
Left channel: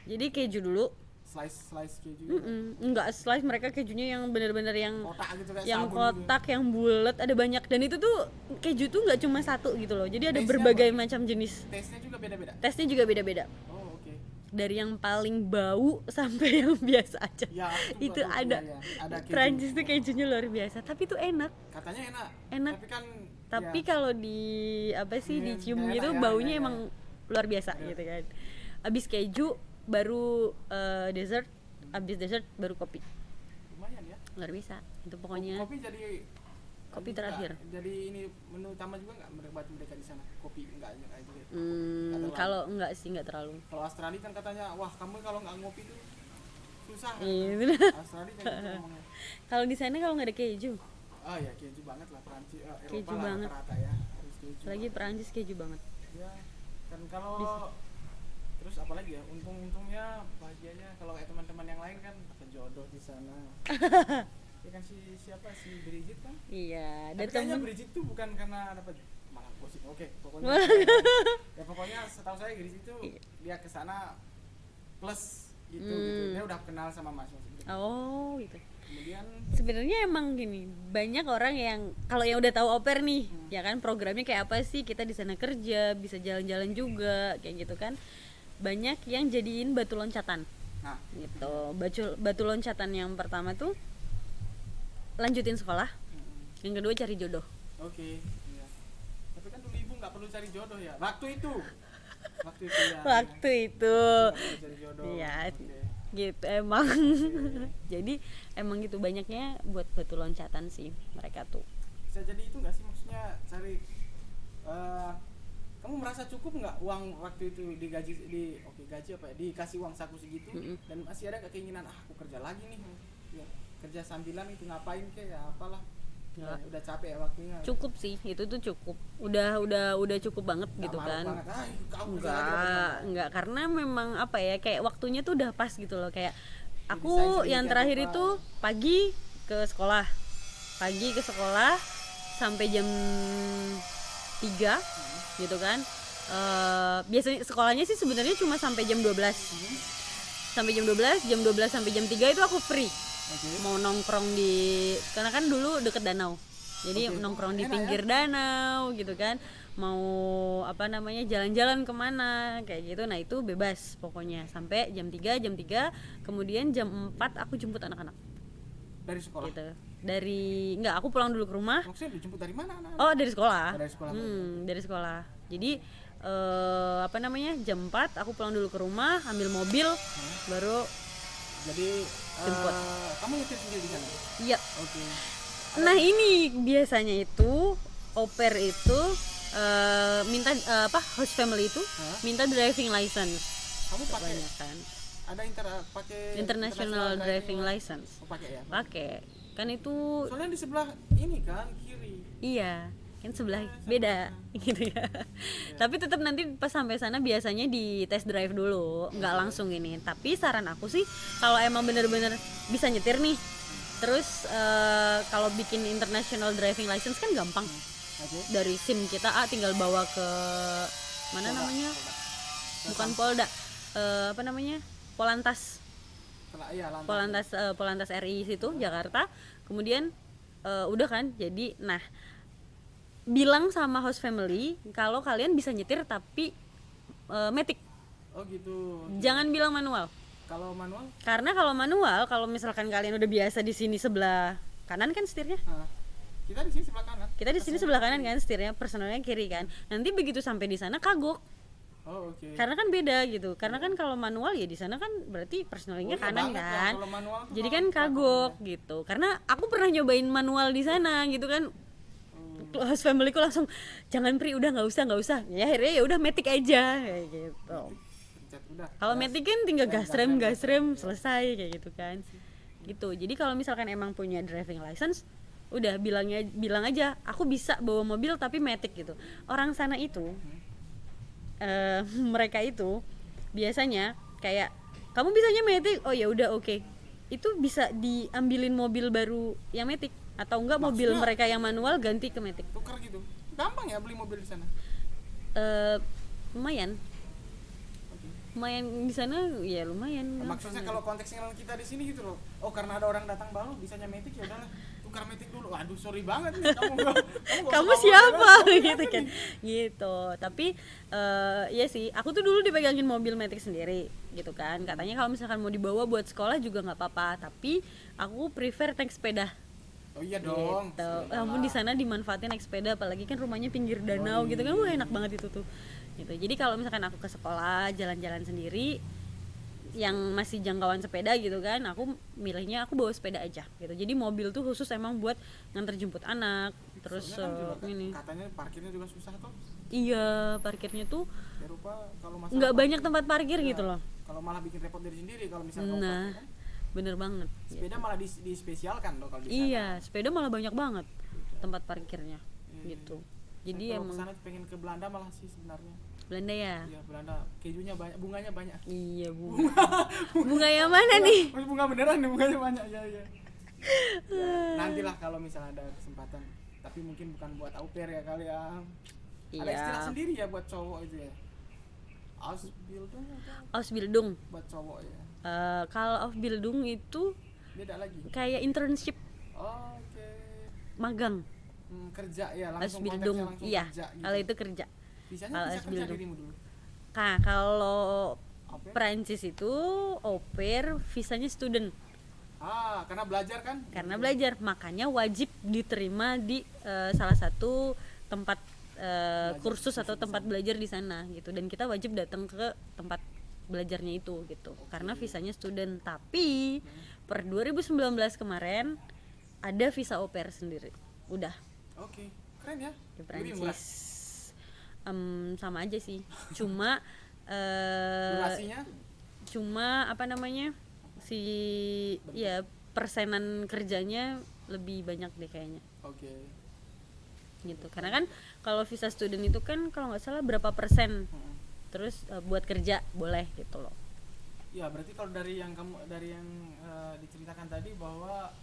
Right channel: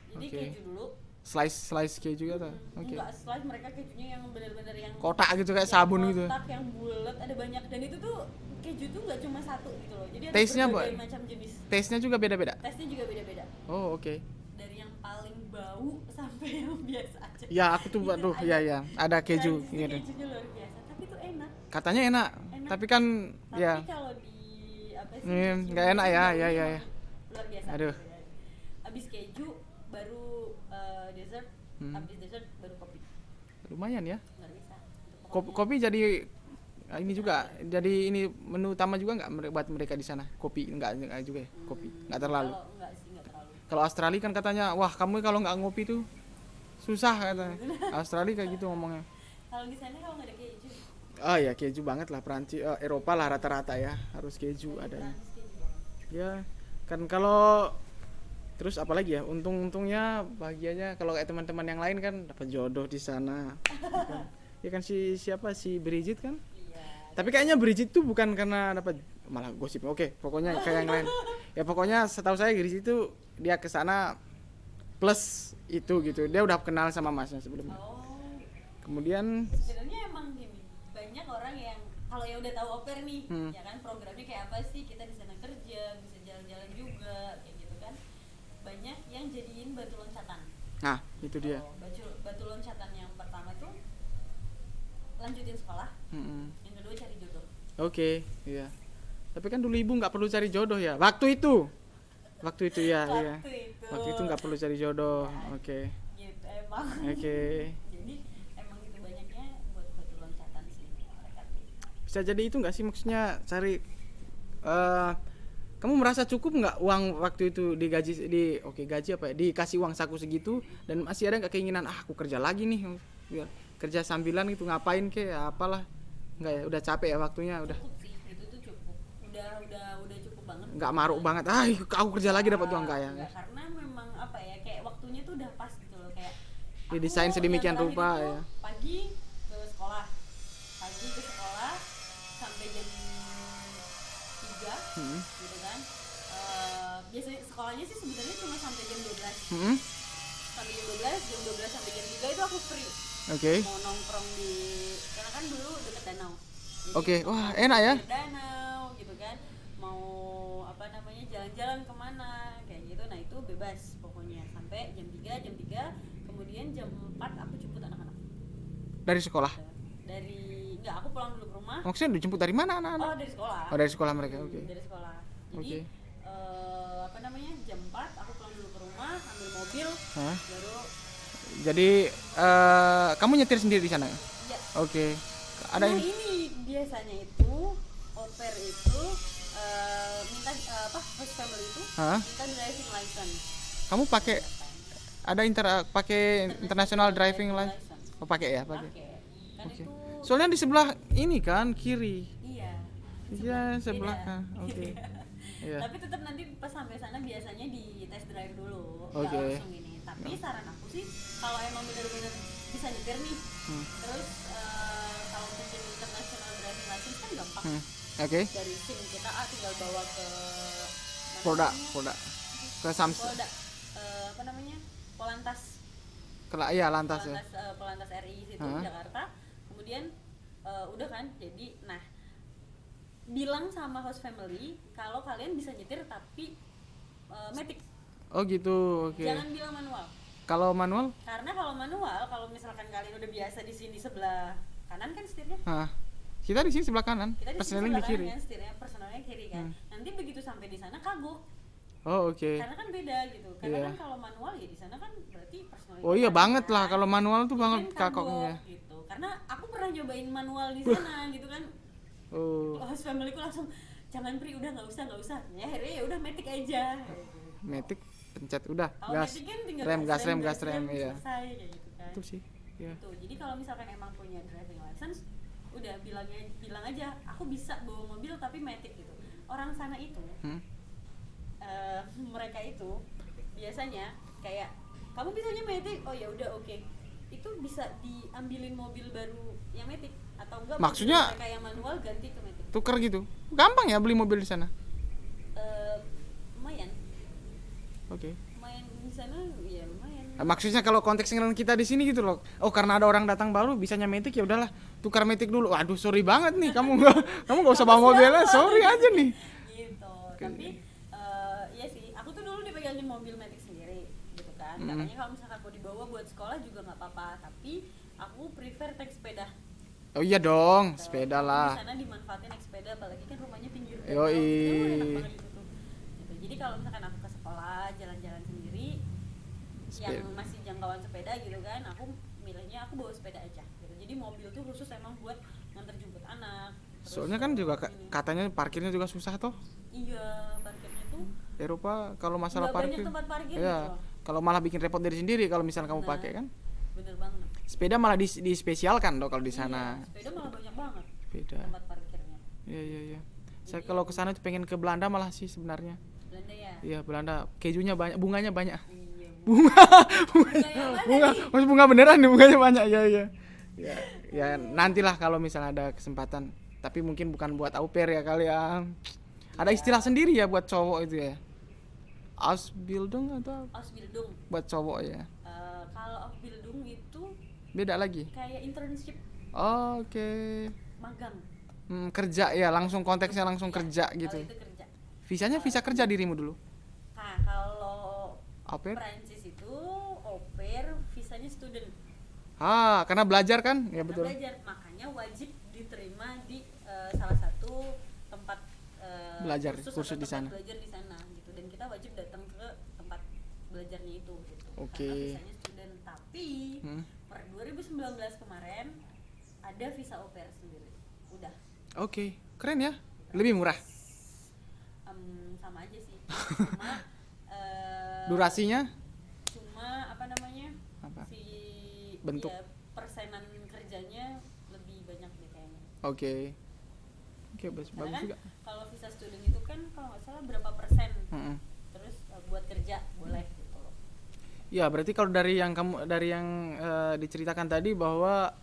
Jadi Oke. keju dulu. Slice keju gitu. Enggak slice, mereka kejunya yang benar-benar yang Kotak gitu kayak yang sabun gitu. kotak, yang bulat, ada banyak. Dan itu tuh keju tuh nggak cuma satu gitu loh, jadi ada Taste-nya berbagai apa? macam jenis. Taste-nya juga beda-beda. Tesnya juga beda-beda, Oh, oke. dari yang paling bau sampai yang biasa aja. Ya, aku tuh Itu tuh ada. ya ada keju. Prancis tuh Ingat. kejunya luar biasa, tapi itu enak. Katanya enak. Enak. Tapi kan Tapi ya kalau di apa sih, dicium nggak enak gitu ya, baunya ya. emang luar biasa. Aduh. Gitu kan. Abis keju baru dessert, abis dessert baru kopi. lumayan ya. Luar biasa itu Kopi, pokoknya. kopi jadi ini juga, terakhir. jadi ini menu utama juga nggak buat mereka di sana? Kopi enggak juga ya? Kopi nggak terlalu. Kalau enggak sih, enggak terlalu. Kalau Australia kan katanya, wah kamu kalau nggak ngopi tuh susah Iya, katanya. Australia kayak gitu ngomongnya. Kalau di sana kalau nggak ada keju, Oh ya keju banget lah, Perancis, Eropa Keju lah banget. rata-rata ya harus keju lagi ada. Perancis keju banget. Ya kan kalau terus apalagi ya, untungnya bahagianya kalau kayak teman-teman yang lain kan dapat jodoh di sana. Ya kan siapa si Bridget kan? Iya. Tapi kayaknya Bridget tuh bukan karena dapat, malah gosip. Oke, pokoknya kayak yang lain. Ya pokoknya setahu saya Bridget itu dia ke sana plus itu gitu. Dia udah kenal sama masnya sebelumnya. Oh gitu. Kemudian Sebenarnya emang gini, banyak orang yang kalau yang udah tahu au pair nih, ya kan programnya kayak apa sih, kita di sana kerja, bisa jalan-jalan juga, kayak gitu kan. Banyak yang jadiin batu loncatan. nah, itu dia. Batu loncatan yang pertama tuh lanjutin sekolah, Mm-mm. yang kedua cari jodoh. Oke, iya. Tapi kan dulu ibu nggak perlu cari jodoh ya. Waktu itu ya. Waktu Iya. itu. Waktu itu nggak perlu cari jodoh. Iya. Oke. Gitu emang. Oke. Jadi emang gitu, banyaknya buat batu loncatan sih mereka tuh. Bisa jadi itu nggak sih, maksudnya cari kamu merasa cukup nggak uang waktu itu digaji gaji apa ya, dikasih uang saku segitu, dan masih ada nggak keinginan aku kerja lagi nih ya, kerja sambilan gitu, ngapain kek ya, apalah, nggak ya, udah capek ya waktunya, udah Cukup sih, itu tuh cukup. Udah cukup banget. nggak gitu maruk kan. banget, aku kerja lagi dapat uang nggak ya. Enggak, karena memang apa ya, kayak waktunya tuh udah pas gitu loh, kayak aku Didesain yang sedemikian terakhir rupa, itu ya. pagi ke sekolah, pagi ke sekolah sampai jam 3 gitu kan. Biasanya sekolahnya sih sebenarnya cuma sampai jam 12. Sampai jam 12 sampai jam 3 itu aku free. Mau nongkrong karena kan dulu deket danau. Jadi nongkrong di pinggir danau gitu kan. Mau jalan-jalan kemana kayak gitu. Nah, itu bebas pokoknya sampai jam 3. Kemudian jam 4 aku jemput anak-anak. Dari sekolah? Gitu. Aku pulang dulu ke rumah. Maksudnya dijemput dari mana anak-anak? Oh, dari sekolah. Dari sekolah mereka. Dari sekolah. Jadi jam 4 aku pulang dulu ke rumah, ambil mobil, baru. Jadi kamu nyetir sendiri di sana? Iya. Oke. Nah, ini biasanya itu au pair itu minta host family itu minta driving license. Kamu pakai ada pakai international driving license? Oh, pakai ya? Pakai. Kan itu soalnya di sebelah ini kan kiri. Iya. Kan sebelah beda gitu ya. Tapi tetap nanti pas sampai sana biasanya di test drive dulu, nggak langsung ini. Tapi saran aku sih kalau emang bener-bener bisa nyetir nih, terus kalau bikin international driving license kan gampang. Dari SIM kita tinggal bawa ke mana Polda. Ke Polda. Polantas. Polantas RI situ Jakarta. Kemudian udah kan, jadi bilang sama host family kalau kalian bisa nyetir tapi matic. Oh gitu. Jangan bilang manual. Kalau manual? Karena kalau misalkan kalian udah biasa di sini sebelah kanan kan setirnya. Kita di sini sebelah kanan. Kita di sini sebelah kanan kan setirnya, personalnya kiri kan. Nanti begitu sampai di sana kagok. Oh, oke. Karena kan beda gitu. Karena kan kalau manual ya di sana kan berarti personalnya. Oh iya banget kan? Lah kalau manual tuh jadi kan kagok gitu. Karena aku pernah nyobain manual di sana gitu kan. Host family ku langsung jangan Pri, udah nggak usah. Ya akhirnya ya udah matic aja kayak gitu. Matic pencet udah. Kalau matic kan tinggal gas rem selesai kayak gitu kan. Gitu. Jadi kalau misalkan emang punya driving license, udah bilang aja aku bisa bawa mobil tapi matic gitu. Orang sana itu mereka itu biasanya kayak kamu bisanya matic, oh ya udah oke. Itu bisa diambilin mobil baru yang matic atau enggak mobil mereka yang manual ganti ke matic. Tuker gitu. Gampang ya beli mobil di sana? Lumayan. Lumayan di sana ya lumayan. Maksudnya kalau konteksnya kita di sini gitu loh. Oh, karena ada orang datang baru bisanya matic ya udahlah, tukar matic dulu. Waduh, sorry banget nih kamu enggak usah bawa mobilnya, sorry gitu, aja nih. Gitu. Tapi iya sih, aku tuh dulu dipegangin mobil matic sendiri gitu kan. Katanya kalau misalkan mau dibawa buat sekolah juga nggak apa-apa, tapi aku prefer naik sepeda. Oh iya dong, gitu. Sepeda Kamu lah. di sana dimanfaatin naik sepeda, apalagi kan rumahnya pinggir danau gitu kan, enak banget itu tuh. Gitu. Jadi kalau misalkan aku ke sekolah jalan-jalan sendiri yang masih jangkauan sepeda gitu kan, aku milihnya aku bawa sepeda aja gitu. Jadi mobil tuh khusus emang buat nganter jemput anak. Terus soalnya kan juga katanya parkirnya juga susah toh. Iya, parkirnya tuh Eropa kalau masalah nggak banyak tempat parkir gitu loh. Kalau malah bikin repot diri sendiri kalau misalnya kamu pakai kan. Bener banget. Sepeda malah dispesialkan loh kalau di sana. Iya, sepeda malah banyak banget tempat parkirnya. Iya, gitu. iya. Jadi Saya kalau ke sana pengen ke Belanda malah sih sebenarnya. Belanda ya? Iya, Belanda. Kejunya banyak, bunganya banyak. Iya, bunga yang mana nih? Bunga beneran nih, bunganya banyak. Iya. Ya, nantilah kalau misalnya ada kesempatan. Tapi mungkin bukan buat au pair ya kali ya. Ada istilah sendiri ya buat cowok itu ya. Ausbildung atau? Ausbildung. Buat cowok ya. Kalau Ausbildung itu beda lagi. Kayak internship. Oh, oke. Magang. Kerja ya, langsung konteksnya langsung kerja gitu. Kalau itu kerja. Visanya visa kerja dirimu dulu. Nah, kalau au pair? Prancis itu au pair visanya student. Karena belajar kan? Karena belajar, makanya wajib diterima di salah satu tempat kursus atau tempat belajar di sana gitu. Dan kita wajib datang ke tempat belajarnya itu gitu. Karena visanya student. Tapi per 2019 kemarin ada visa au pair sendiri. Udah. Oke, keren ya. Lebih murah. Sama aja sih. Cuma durasinya? Cuma bentuk. Ya persenan kerjanya lebih banyak deh kayaknya. Oke. Gitu. Karena kan kalau visa student itu kan kalau nggak salah berapa persen. Terus buat kerja boleh gitu loh. Ya berarti kalau dari yang diceritakan tadi bahwa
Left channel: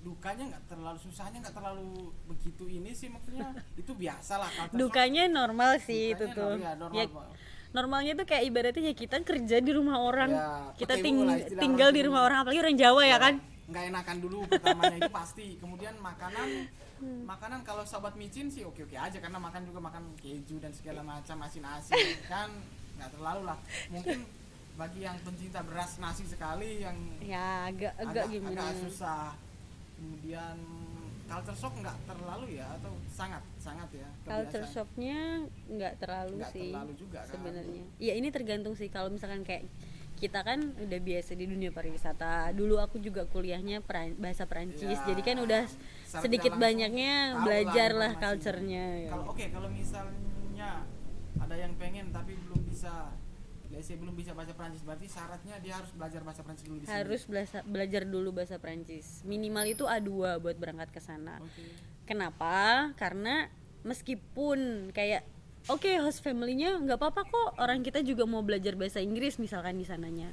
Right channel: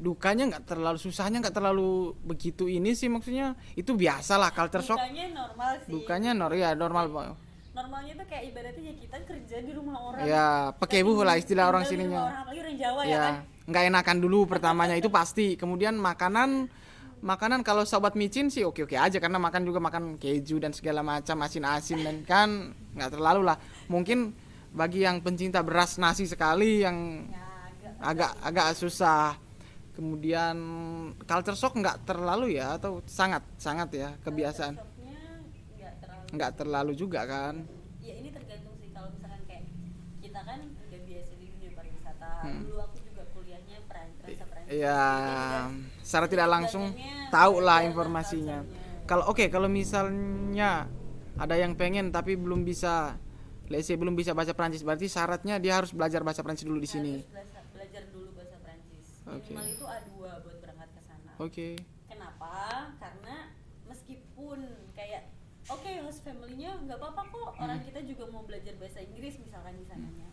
dukanya nggak terlalu, susahnya nggak terlalu begitu ini sih, maksudnya itu biasalah culture shock. Dukanya normal sih. Dukanya itu tuh. ya normal. Normalnya tuh kayak ibaratnya ya kita kerja di rumah orang. Ya, Kita pakai buh lah istilah orang tinggal di sini rumah mah. orang, apalagi orang Jawa ya kan. Nggak enakan dulu pertamanya itu pasti. Kemudian makanan kalau sobat micin sih oke aja, karena makan juga makan keju dan segala macam asin-asin dan kan nggak terlalu lah. Mungkin bagi yang pencinta beras nasi sekali yang Ya agak susah. Kemudian culture shock nggak terlalu ya, atau sangat ya kebiasaan. Culture shocknya Nggak terlalu juga kan. Ya ini tergantung sih, kalau misalkan kayak kita kan udah biasa di dunia pariwisata. Dulu aku juga kuliahnya bahasa Perancis, Ya, jadi kan udah secara sedikit tidak langsung banyaknya tahu lah belajar informasinya. culture-nya, ya. Kalau misalnya ada yang pengen tapi belum bisa, belum bisa bahasa Prancis, berarti syaratnya dia harus belajar bahasa Prancis dulu di sini. Harus belajar dulu bahasa Prancis. Minimal itu A2 buat berangkat ke sana. Oke. Kenapa? Karena meskipun kayak host family-nya nggak apa-apa kok, orang kita juga mau belajar bahasa Inggris misalkan di sananya.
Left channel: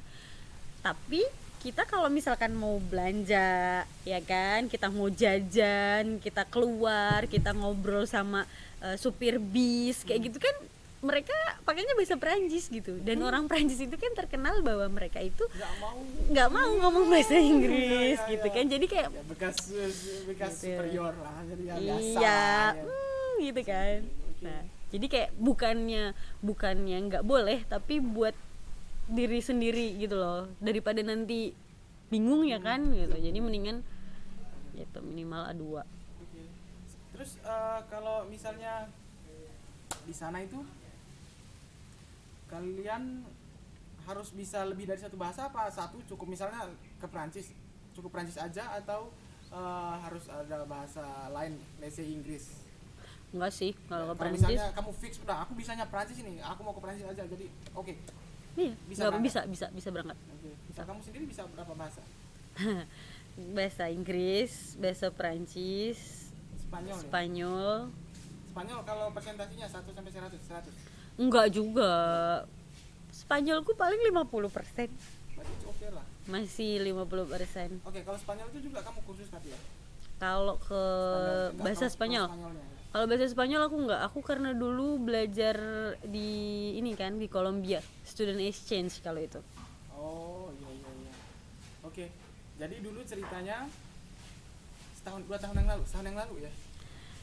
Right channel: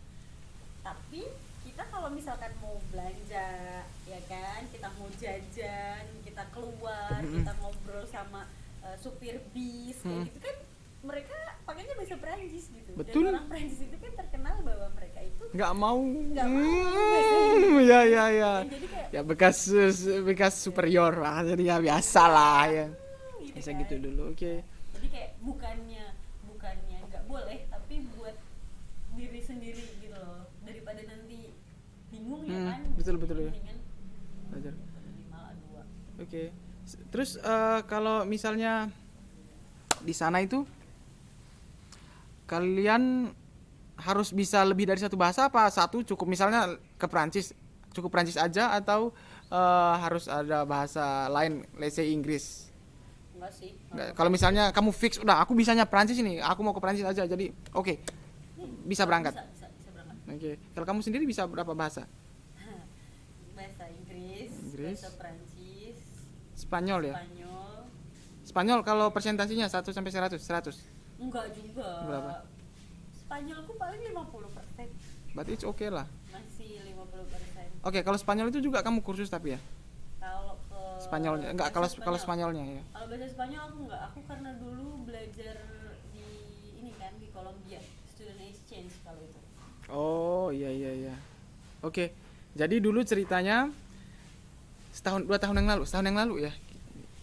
Tapi kita kalau misalkan mau belanja, ya kan, kita mau jajan, kita keluar, kita ngobrol sama supir bis kayak gitu kan, mereka pakainya bahasa Perancis gitu. Betul. Dan orang Perancis itu kan terkenal bahwa mereka itu nggak mau ngomong bahasa Inggris ya. gitu kan. Jadi kayak Ya bekas superior lah, jadi ya biasa iya, lah ya. Gitu Bisa kan. gitu dulu, oke. Nah, jadi kayak bukannya nggak boleh, tapi buat diri sendiri gitu loh, daripada nanti bingung ya kan gitu. betul, Jadi betul. mendingan Belajar. gitu, minimal A2. Oke. Terus kalau misalnya di sana itu kalian harus bisa lebih dari satu bahasa, apa satu cukup? Misalnya ke Prancis cukup Prancis aja, atau harus ada bahasa lain, let's say Inggris? Enggak sih. Kalau misalnya kamu fix udah aku bisanya Prancis ini, aku mau ke Prancis aja, jadi oke. Bisa berangkat. Bisa berangkat. Oke. Kalau kamu sendiri bisa berapa bahasa? Bahasa Inggris, bahasa Prancis, Spanyol ya? Spanyol. Kalau presentasinya 1 sampai 100? Enggak juga. Spanyolku paling 50%. Berarti it's okay lah. Masih 50%. Oke, kalau Spanyol itu juga kamu kursus tapi ya? Kalau ke Spanyolnya enggak, bahasa kalau Spanyolnya ya. Kalau bahasa Spanyol aku enggak. Aku karena dulu belajar di ini kan, di Kolombia, student exchange kalau itu. Oh, iya. Oke. Jadi dulu ceritanya setahun 2 tahun yang lalu ya.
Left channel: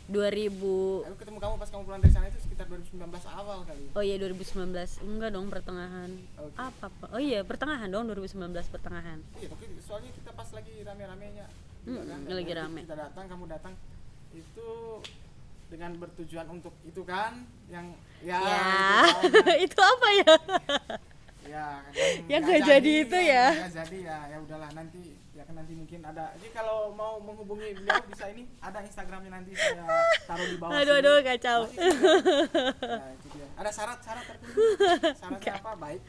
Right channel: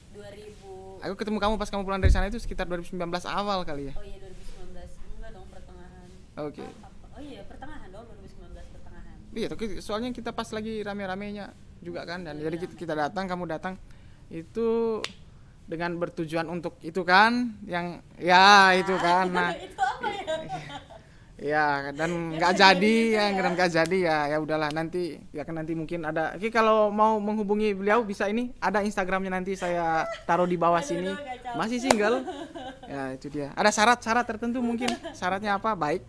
2000. Aku ketemu kamu pas kamu pulang dari sana itu sekitar 2019 awal kali ya. Oh iya 2019. Enggak dong, pertengahan. Oke. Apa? Oh iya, pertengahan dong, 2019 pertengahan. Iya, tapi soalnya kita pas lagi rame-ramenya juga kan. Dan lagi jadi rame. kita datang, kamu datang itu dengan bertujuan untuk itu kan, yang ya itu kan. Nah, Itu apa ya? ya dan Yang nggak nggak jadi jadi itu ya. dan nggak jadi ya udahlah, nanti ya kan, nanti mungkin ada. Oke, kalau mau menghubungi beliau bisa, ini ada Instagramnya, nanti saya taruh di bawah sini. Aduh, kacau. Masih single ya, itu dia. Ada syarat tertentu mungkin. Syaratnya apa? Baik,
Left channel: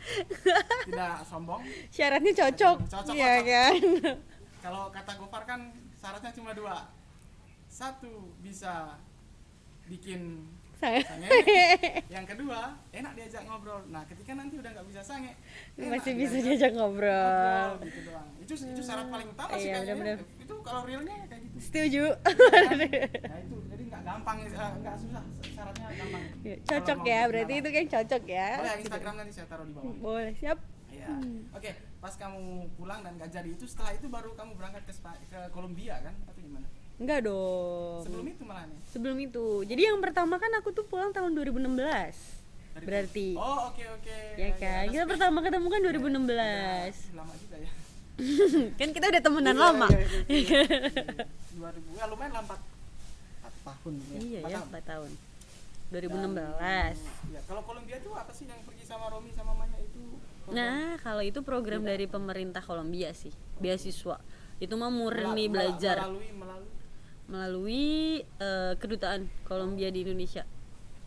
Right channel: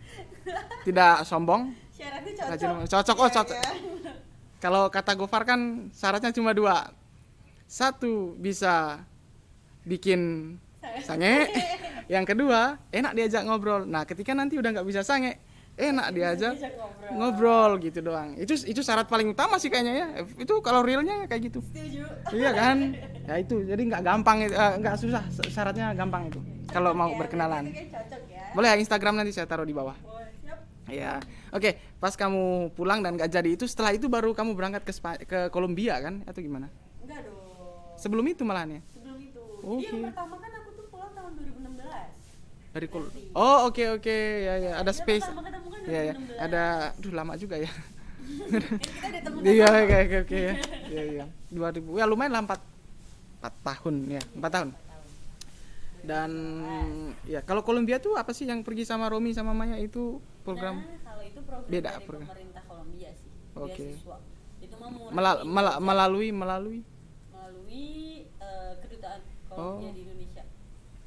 tidak sombong. Syaratnya cocok. Cocok, Iya cocok. kan? Kalau kata Gofar kan syaratnya cuma 2. 1 bisa bikin sange. Yang kedua, enak diajak ngobrol. Nah, ketika nanti udah nggak bisa sange, enak Masih bisa diajak ngobrol gitu doang. Itu syarat paling utama sih kayaknya ya. Itu kalau realnya kayak gitu. Setuju. Iya kan? Ya itu, jadi nggak gampang, nggak susah, syaratnya gampang itu. Kalau Cocok mau ya, berkenalan. berarti itu kan cocok ya. Boleh ya, Instagram nanti saya taruh di bawah. Boleh, siap. Iya. Oke, pas kamu pulang dan nggak jadi itu, setelah itu baru kamu berangkat ke Kolombia kan, atau gimana? Enggak dong. Sebelum itu malahan ya? Sebelum itu. Jadi yang pertama kan aku tuh pulang tahun 2016. Berarti. Oh, oke. Ya, kan? ada Kita space. pertama ketemu kan Ya, ya. 2016. Ada, lama juga ya. Kan kita udah temenan Iya, lama. oke. Iya. 2000. Ya lumayan lah, 4 tahun ya. Iya, 4 tahun. 4 tahun. Dan 2016. ya, kalau Kolombia tuh apa sih yang pergi sama Romi sama Maya itu program? Nah, kalau itu program Beda, dari program. pemerintah Kolombia sih, Oke. beasiswa. Itu mah murni belajar melalui kedutaan Kolombia di Indonesia.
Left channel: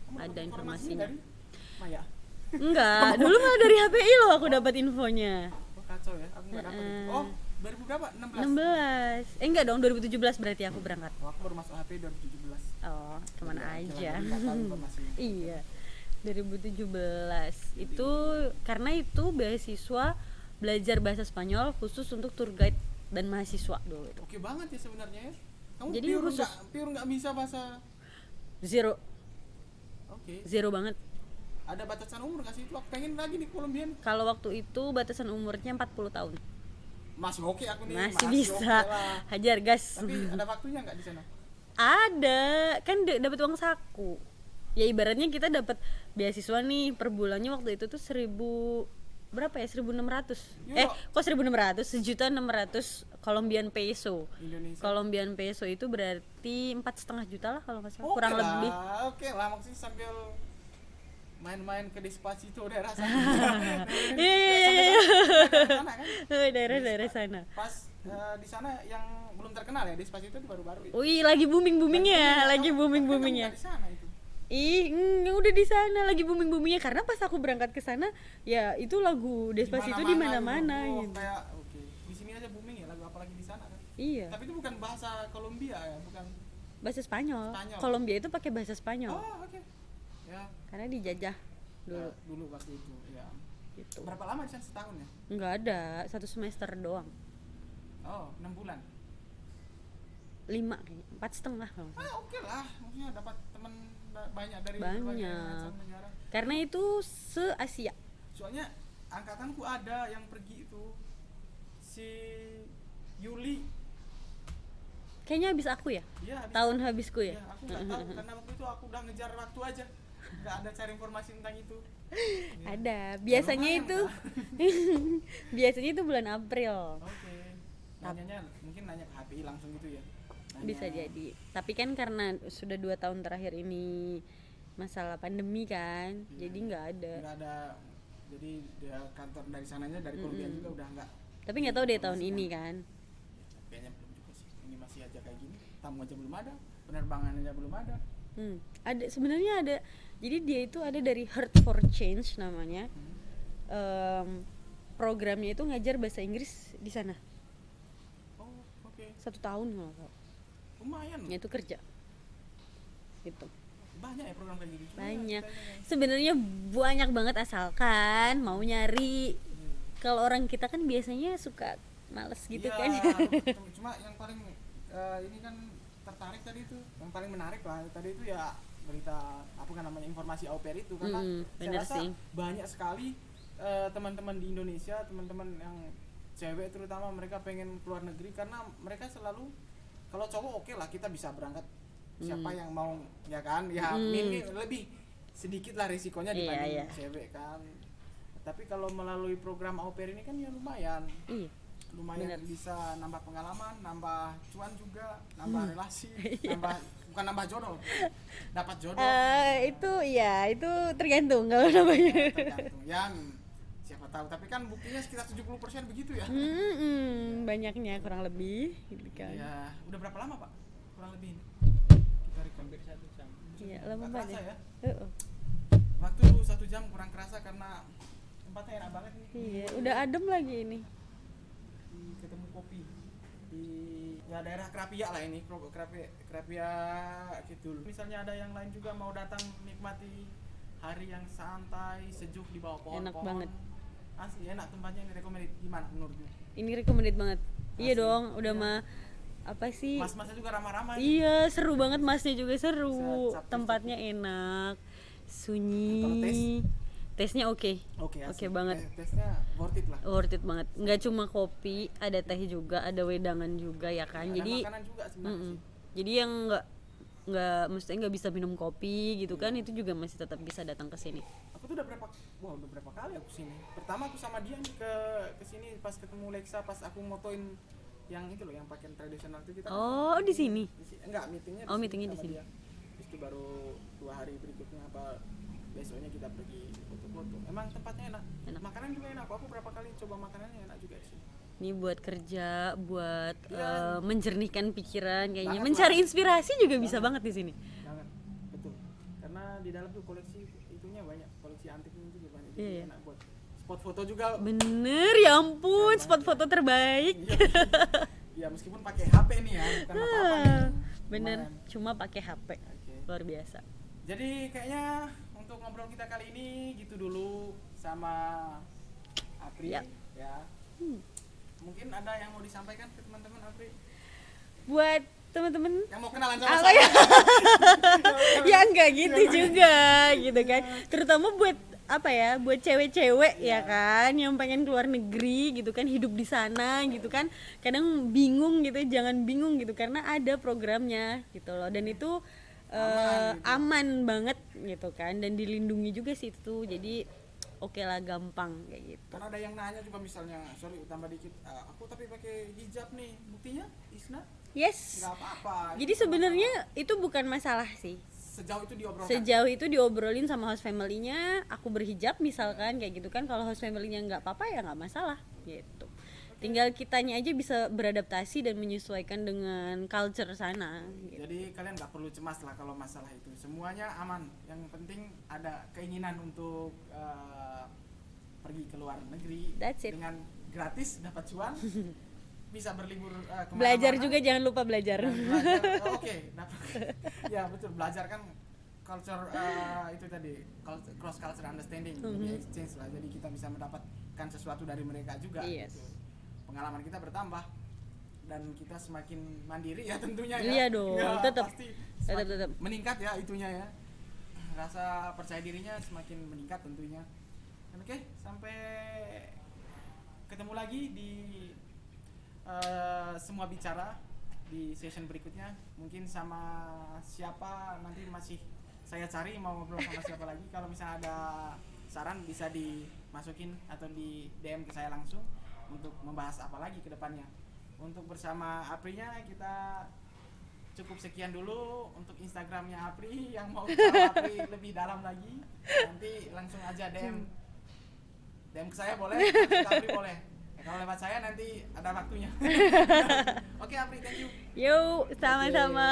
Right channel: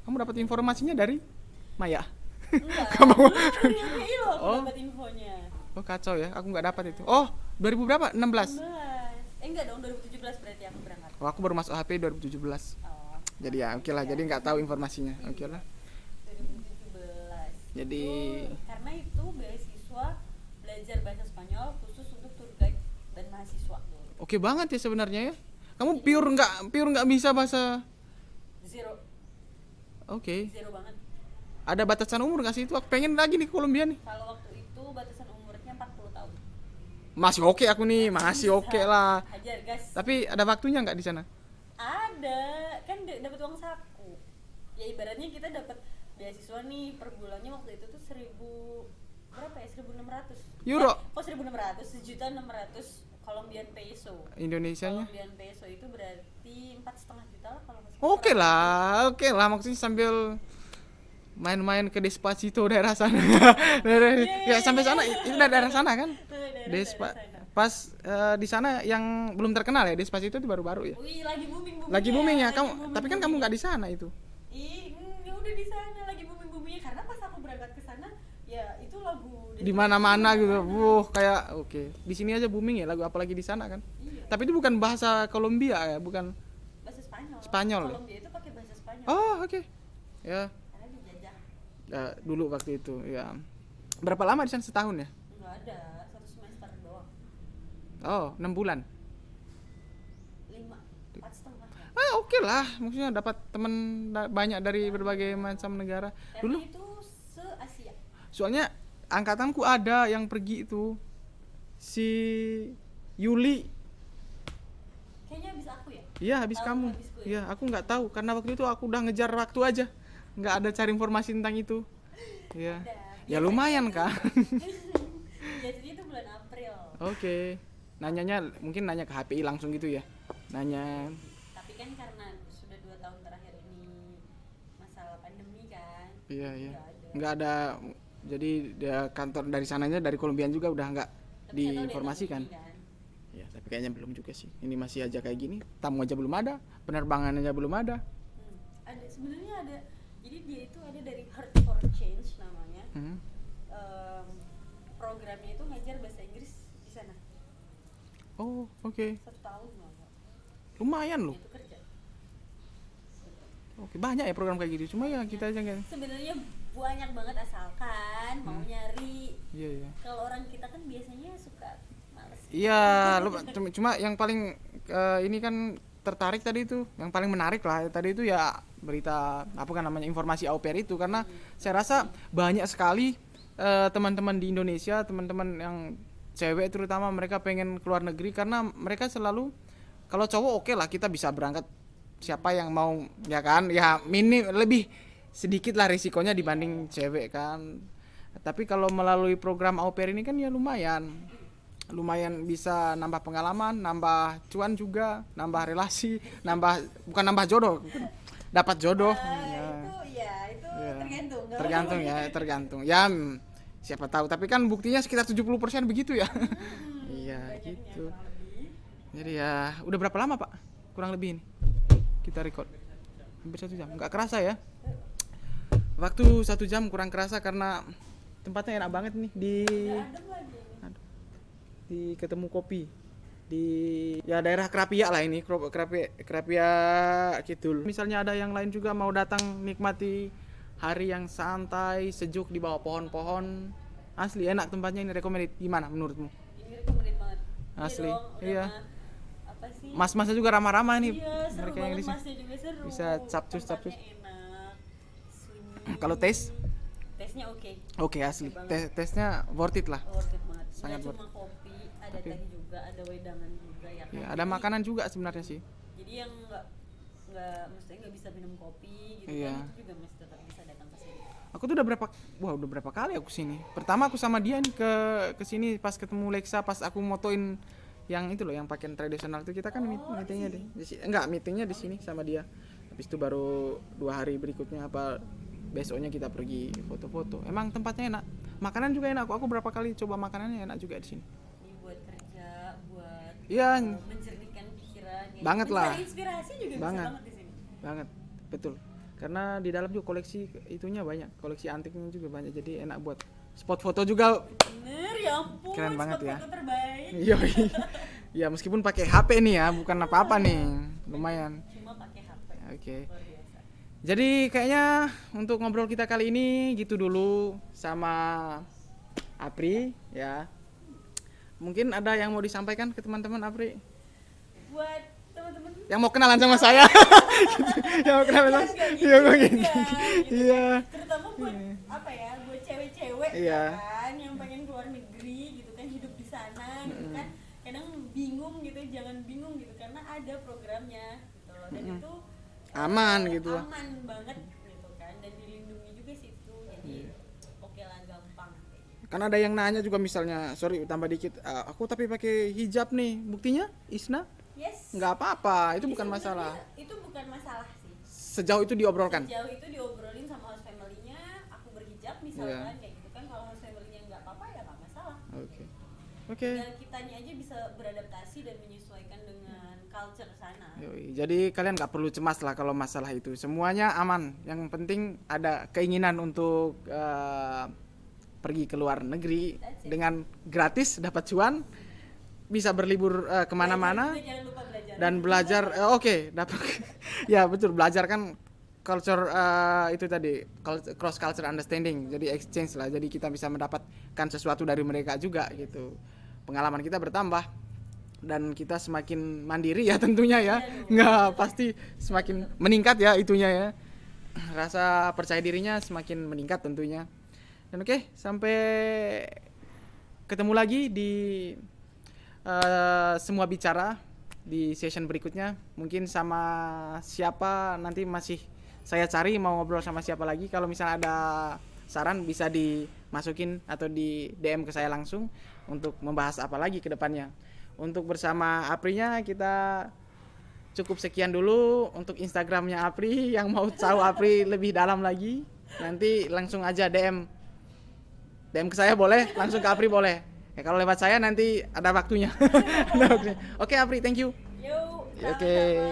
Kamu dapat Ada informasinya informasi. dari Maya? Enggak, dulu mah dari HPI loh aku dapat infonya. Oh, kacau ya, aku nggak dapat itu. Oh, 2000 berapa? 16. 16. Enggak dong, 2017 berarti aku berangkat. Oh, aku baru masuk HP 2017. Oh. Jadi ya, kemana oke lah, aja. jadi nggak tahu informasinya. Oke Iya. lah. 2017. Jadi- Itu karena itu beasiswa belajar bahasa Spanyol khusus untuk tour guide dan mahasiswa dulu. Oke banget ya sebenarnya ya. Kamu Jadi pure nggak bisa bahasa. Zero Oke. banget. Ada batasan umur nggak sih itu? Aku pengen lagi nih ke Kolombia nih. Kalau waktu itu batasan umurnya 40 tahun. Masih oke aku nih, masih bisa. oke lah. Hajar gas. Tapi ada waktunya nggak di sana? Ada, kan dapat uang saku. Ya ibaratnya kita dapat beasiswa nih per bulannya waktu itu tuh 1.600 Euro. kok 1.600, 1.600.000 Colombian peso. Indonesia. Colombian peso itu berarti 4,5 juta lah kalau nggak salah. Oke kurang lebih. lah, oke lah maksudnya sambil main-main ke Despacito daerah sana. Ya sampai sana, daerah sana kan. Daerah sana. Pas di sana yang belum terkenal ya Despacito itu baru-baru ya. Wih, lagi booming Lagi booming ya. lagi Kamu- tapi kan kamu booming-boomingnya. nggak di sana itu. Udah di sana lagi booming-boomingnya karena pas aku berangkat ke sana ya itu lagu Di Despacito mana-mana gitu. di mana-mana Wuh, gitu. kayak oke. Di sini aja booming ya lagu apalagi di sana kan. Iya. Tapi itu bukan bahasa Kolombia ya, bukan. Bahasa Spanyol. Spanyol. Kolombia itu pakai bahasa Spanyol. Oh, oke. Ya, Karena dijajah. dulu waktu itu ya. Berapa lama di sana, setahun ya? Enggak ada, 1 semester doang. Oh, 6 bulan. 5, 4,5. Oke lah, maksudnya dapat teman banyak dari Banyak. berbagai macam negara. Karena Dulu, itu se-Asia. soalnya angkatanku ada yang pergi itu si Yuli. Kayaknya habis aku ya. Iya, habis Tahun kamu. habisku ya? Iya, aku nggak tahu karena waktu itu aku udah ngejar waktu aja. Nggak ada cari informasi tentang itu. Iya. Ada. Ya lumayan itu, kan. biasanya itu bulan April. Oke. Nanyanya mungkin nanya ke HPI langsung gitu ya. Nanya. Bisa jadi. Tapi kan karena sudah 2 tahun terakhir ini masalah pandemi kan, Iya, jadi iya. nggak ada. Nggak ada. Jadi dia kantor dari sananya dari Kolombian juga udah nggak. Tapi nggak tahu deh tahun diinformasikan. ini kan. Ya, tapi kayaknya belum juga sih. Ini masih aja kayak gini. Tamu aja belum ada, penerbangan aja belum ada. Ada sebenarnya ada. Jadi dia itu ada dari Heart for Change namanya. Programnya itu ngajar bahasa Inggris di sana. Oh, oke. 1 tahun loh. Lumayan loh. Itu kerja. Gitu. Oke, banyak ya program kayak gitu. Cuma ya Banyak. kita aja yang Sebenarnya banyak banget asalkan mau nyari. iya, iya. Kalau orang kita kan biasanya suka males gitu. Iya, cuma yang paling ini kan tertarik tadi itu, yang paling menarik lah tadi itu ya berita apa kan namanya informasi au pair itu karena saya benar rasa sih. banyak sekali teman-teman di Indonesia, teman-teman yang cewek terutama mereka pengen keluar negeri karena mereka selalu kalau cowok oke lah kita bisa berangkat siapa yang mau ya kan ya lebih sedikit lah risikonya Iya, dibanding iya. cewek kan. Tapi kalau melalui program au pair ini kan ya lumayan. Iya. Lumayan bisa nambah pengalaman, nambah cuan juga, nambah relasi, bukan nambah jodoh, dapat jodoh. Itu tergantung kalau Tergantung ya, tergantung. Ya siapa tahu, tapi kan buktinya sekitar 70% begitu ya. Iya, banyaknya gitu. kurang lebih. Jadi ya, udah berapa lama Pak? Kurang lebih ini kita record. Hampir 1 jam. Nggak kerasa ya? Waktu 1 jam kurang kerasa karena tempatnya enak banget nih di Udah adem lagi ini. di ketemu kopi di ya daerah Krapia lah ini Krapia Kidul. Misalnya ada yang lain juga mau datang nikmati hari yang santai sejuk di bawah pohon-pohon, asli enak tempatnya ini, recommended. Gimana menurutmu? Ini recommended banget. Iya Asli. dong, udah Iya. mah apa sih? Mas-masnya juga ramah-ramah nih. Iya, seru Kayak banget, di sini. masnya juga seru. Bisa capcus-capcus. Tempatnya enak, sunyi. Kalau tes? Tesnya oke. Oke, asli. banget. Tesnya worth it lah. Worth it banget. Nggak cuma kopi, ada teh juga, ada wedangan juga ya kan. Ya, ada makanan juga sebenarnya sih. Jadi yang nggak mestinya nggak bisa minum kopi gitu kan, Iya. itu juga masih tetap bisa datang ke sini. Aku tuh udah berapa kali aku sini. Pertama aku sama dia nih ke sini pas ketemu Lexa, pas aku motoin yang itu loh, yang pakaian tradisional itu kita kan Oh, di sini? Enggak, meetingnya di Oh, sini meetingnya sama di dia. Habis itu baru 2 hari berikutnya apa besoknya kita pergi foto-foto. Emang tempatnya enak. Makanan juga enak. Aku berapa kali coba makanannya enak juga di sini. Ini buat kerja, buat Iya. menjernihkan pikiran, kayaknya Banget mencari lah. inspirasi juga bisa Banget. banget di sini. Banget. Betul. Karena di dalam juga koleksi itunya banyak. Koleksi antiknya juga banyak. Jadi enak buat spot foto juga. Bener, ya ampun, Keren spot banget foto ya. terbaik. Iya. Ya meskipun pakai HP nih ya, bukan apa-apa nih. Lumayan. Bener, cuma pakai HP. Oke. Luar biasa. Jadi kayaknya untuk ngobrol kita kali ini gitu dulu sama Apri ya. mungkin ada yang mau disampaikan ke teman-teman Apri? Buat teman-teman Yang mau kenalan sama saya? Yang mau kenalan ya sama- enggak gitu Yang mau- juga gitu kan, Iya. terutama buat apa ya, buat cewek-cewek Iya. ya kan yang pengen keluar negeri gitu kan, hidup di sana gitu kan, kadang bingung gitu, jangan bingung gitu karena ada programnya gitu loh, dan itu Aman gitu. aman banget gitu kan, dan dilindungi juga sih itu, jadi oke lah, gampang kayak gitu. Kan ada yang nanya juga misalnya, sorry tambah dikit, aku tapi pakai hijab nih, buktinya Isna Yes, nggak apa-apa, itu jadi bukan sebenarnya masalah. itu bukan masalah sih. Sejauh itu diobrolkan. Sejauh itu diobrolin sama host family-nya, aku berhijab Iya. misalkan kayak gitu kan, kalau host family-nya nggak apa-apa ya nggak masalah gitu. Oke. Tinggal kitanya aja bisa beradaptasi dan menyesuaikan dengan culture sana. Yoi, jadi kalian nggak perlu cemas lah kalau masalah itu, semuanya aman. Yang penting ada keinginan untuk pergi ke luar negeri That's it. dengan gratis, dapat cuan, bisa berlibur Belajar kemana-mana juga, jangan lupa belajar. dan belajar. Oke, dapat. Ya betul, belajar kan culture itu tadi, cross culture understanding, jadi exchange lah, jadi kita bisa mendapatkan sesuatu dari mereka juga. Yes. Gitu, pengalaman kita bertambah dan kita semakin mandiri ya tentunya ya. Iya dong, Nggak, tetap. pasti semakin Tetap. meningkat ya itunya ya, rasa percaya dirinya semakin meningkat tentunya. Dan oke, sampai ketemu lagi di semua bicara di session berikutnya, mungkin sama siapa nanti masih saya cari, mau ngobrol sama siapa lagi. Kalau misalnya ada saran bisa dimasukin atau di DM ke saya langsung untuk membahas apa lagi ke depannya. Untuk bersama Aprinya kita cukup sekian dulu. Untuk Instagramnya Apri, yang mau tahu Apri lebih dalam lagi nanti langsung aja DM ke saya boleh, langsung ke Apri boleh. Kalau lewat saya nanti ada waktunya. Oke Apri, thank you. Yuk, sama-sama.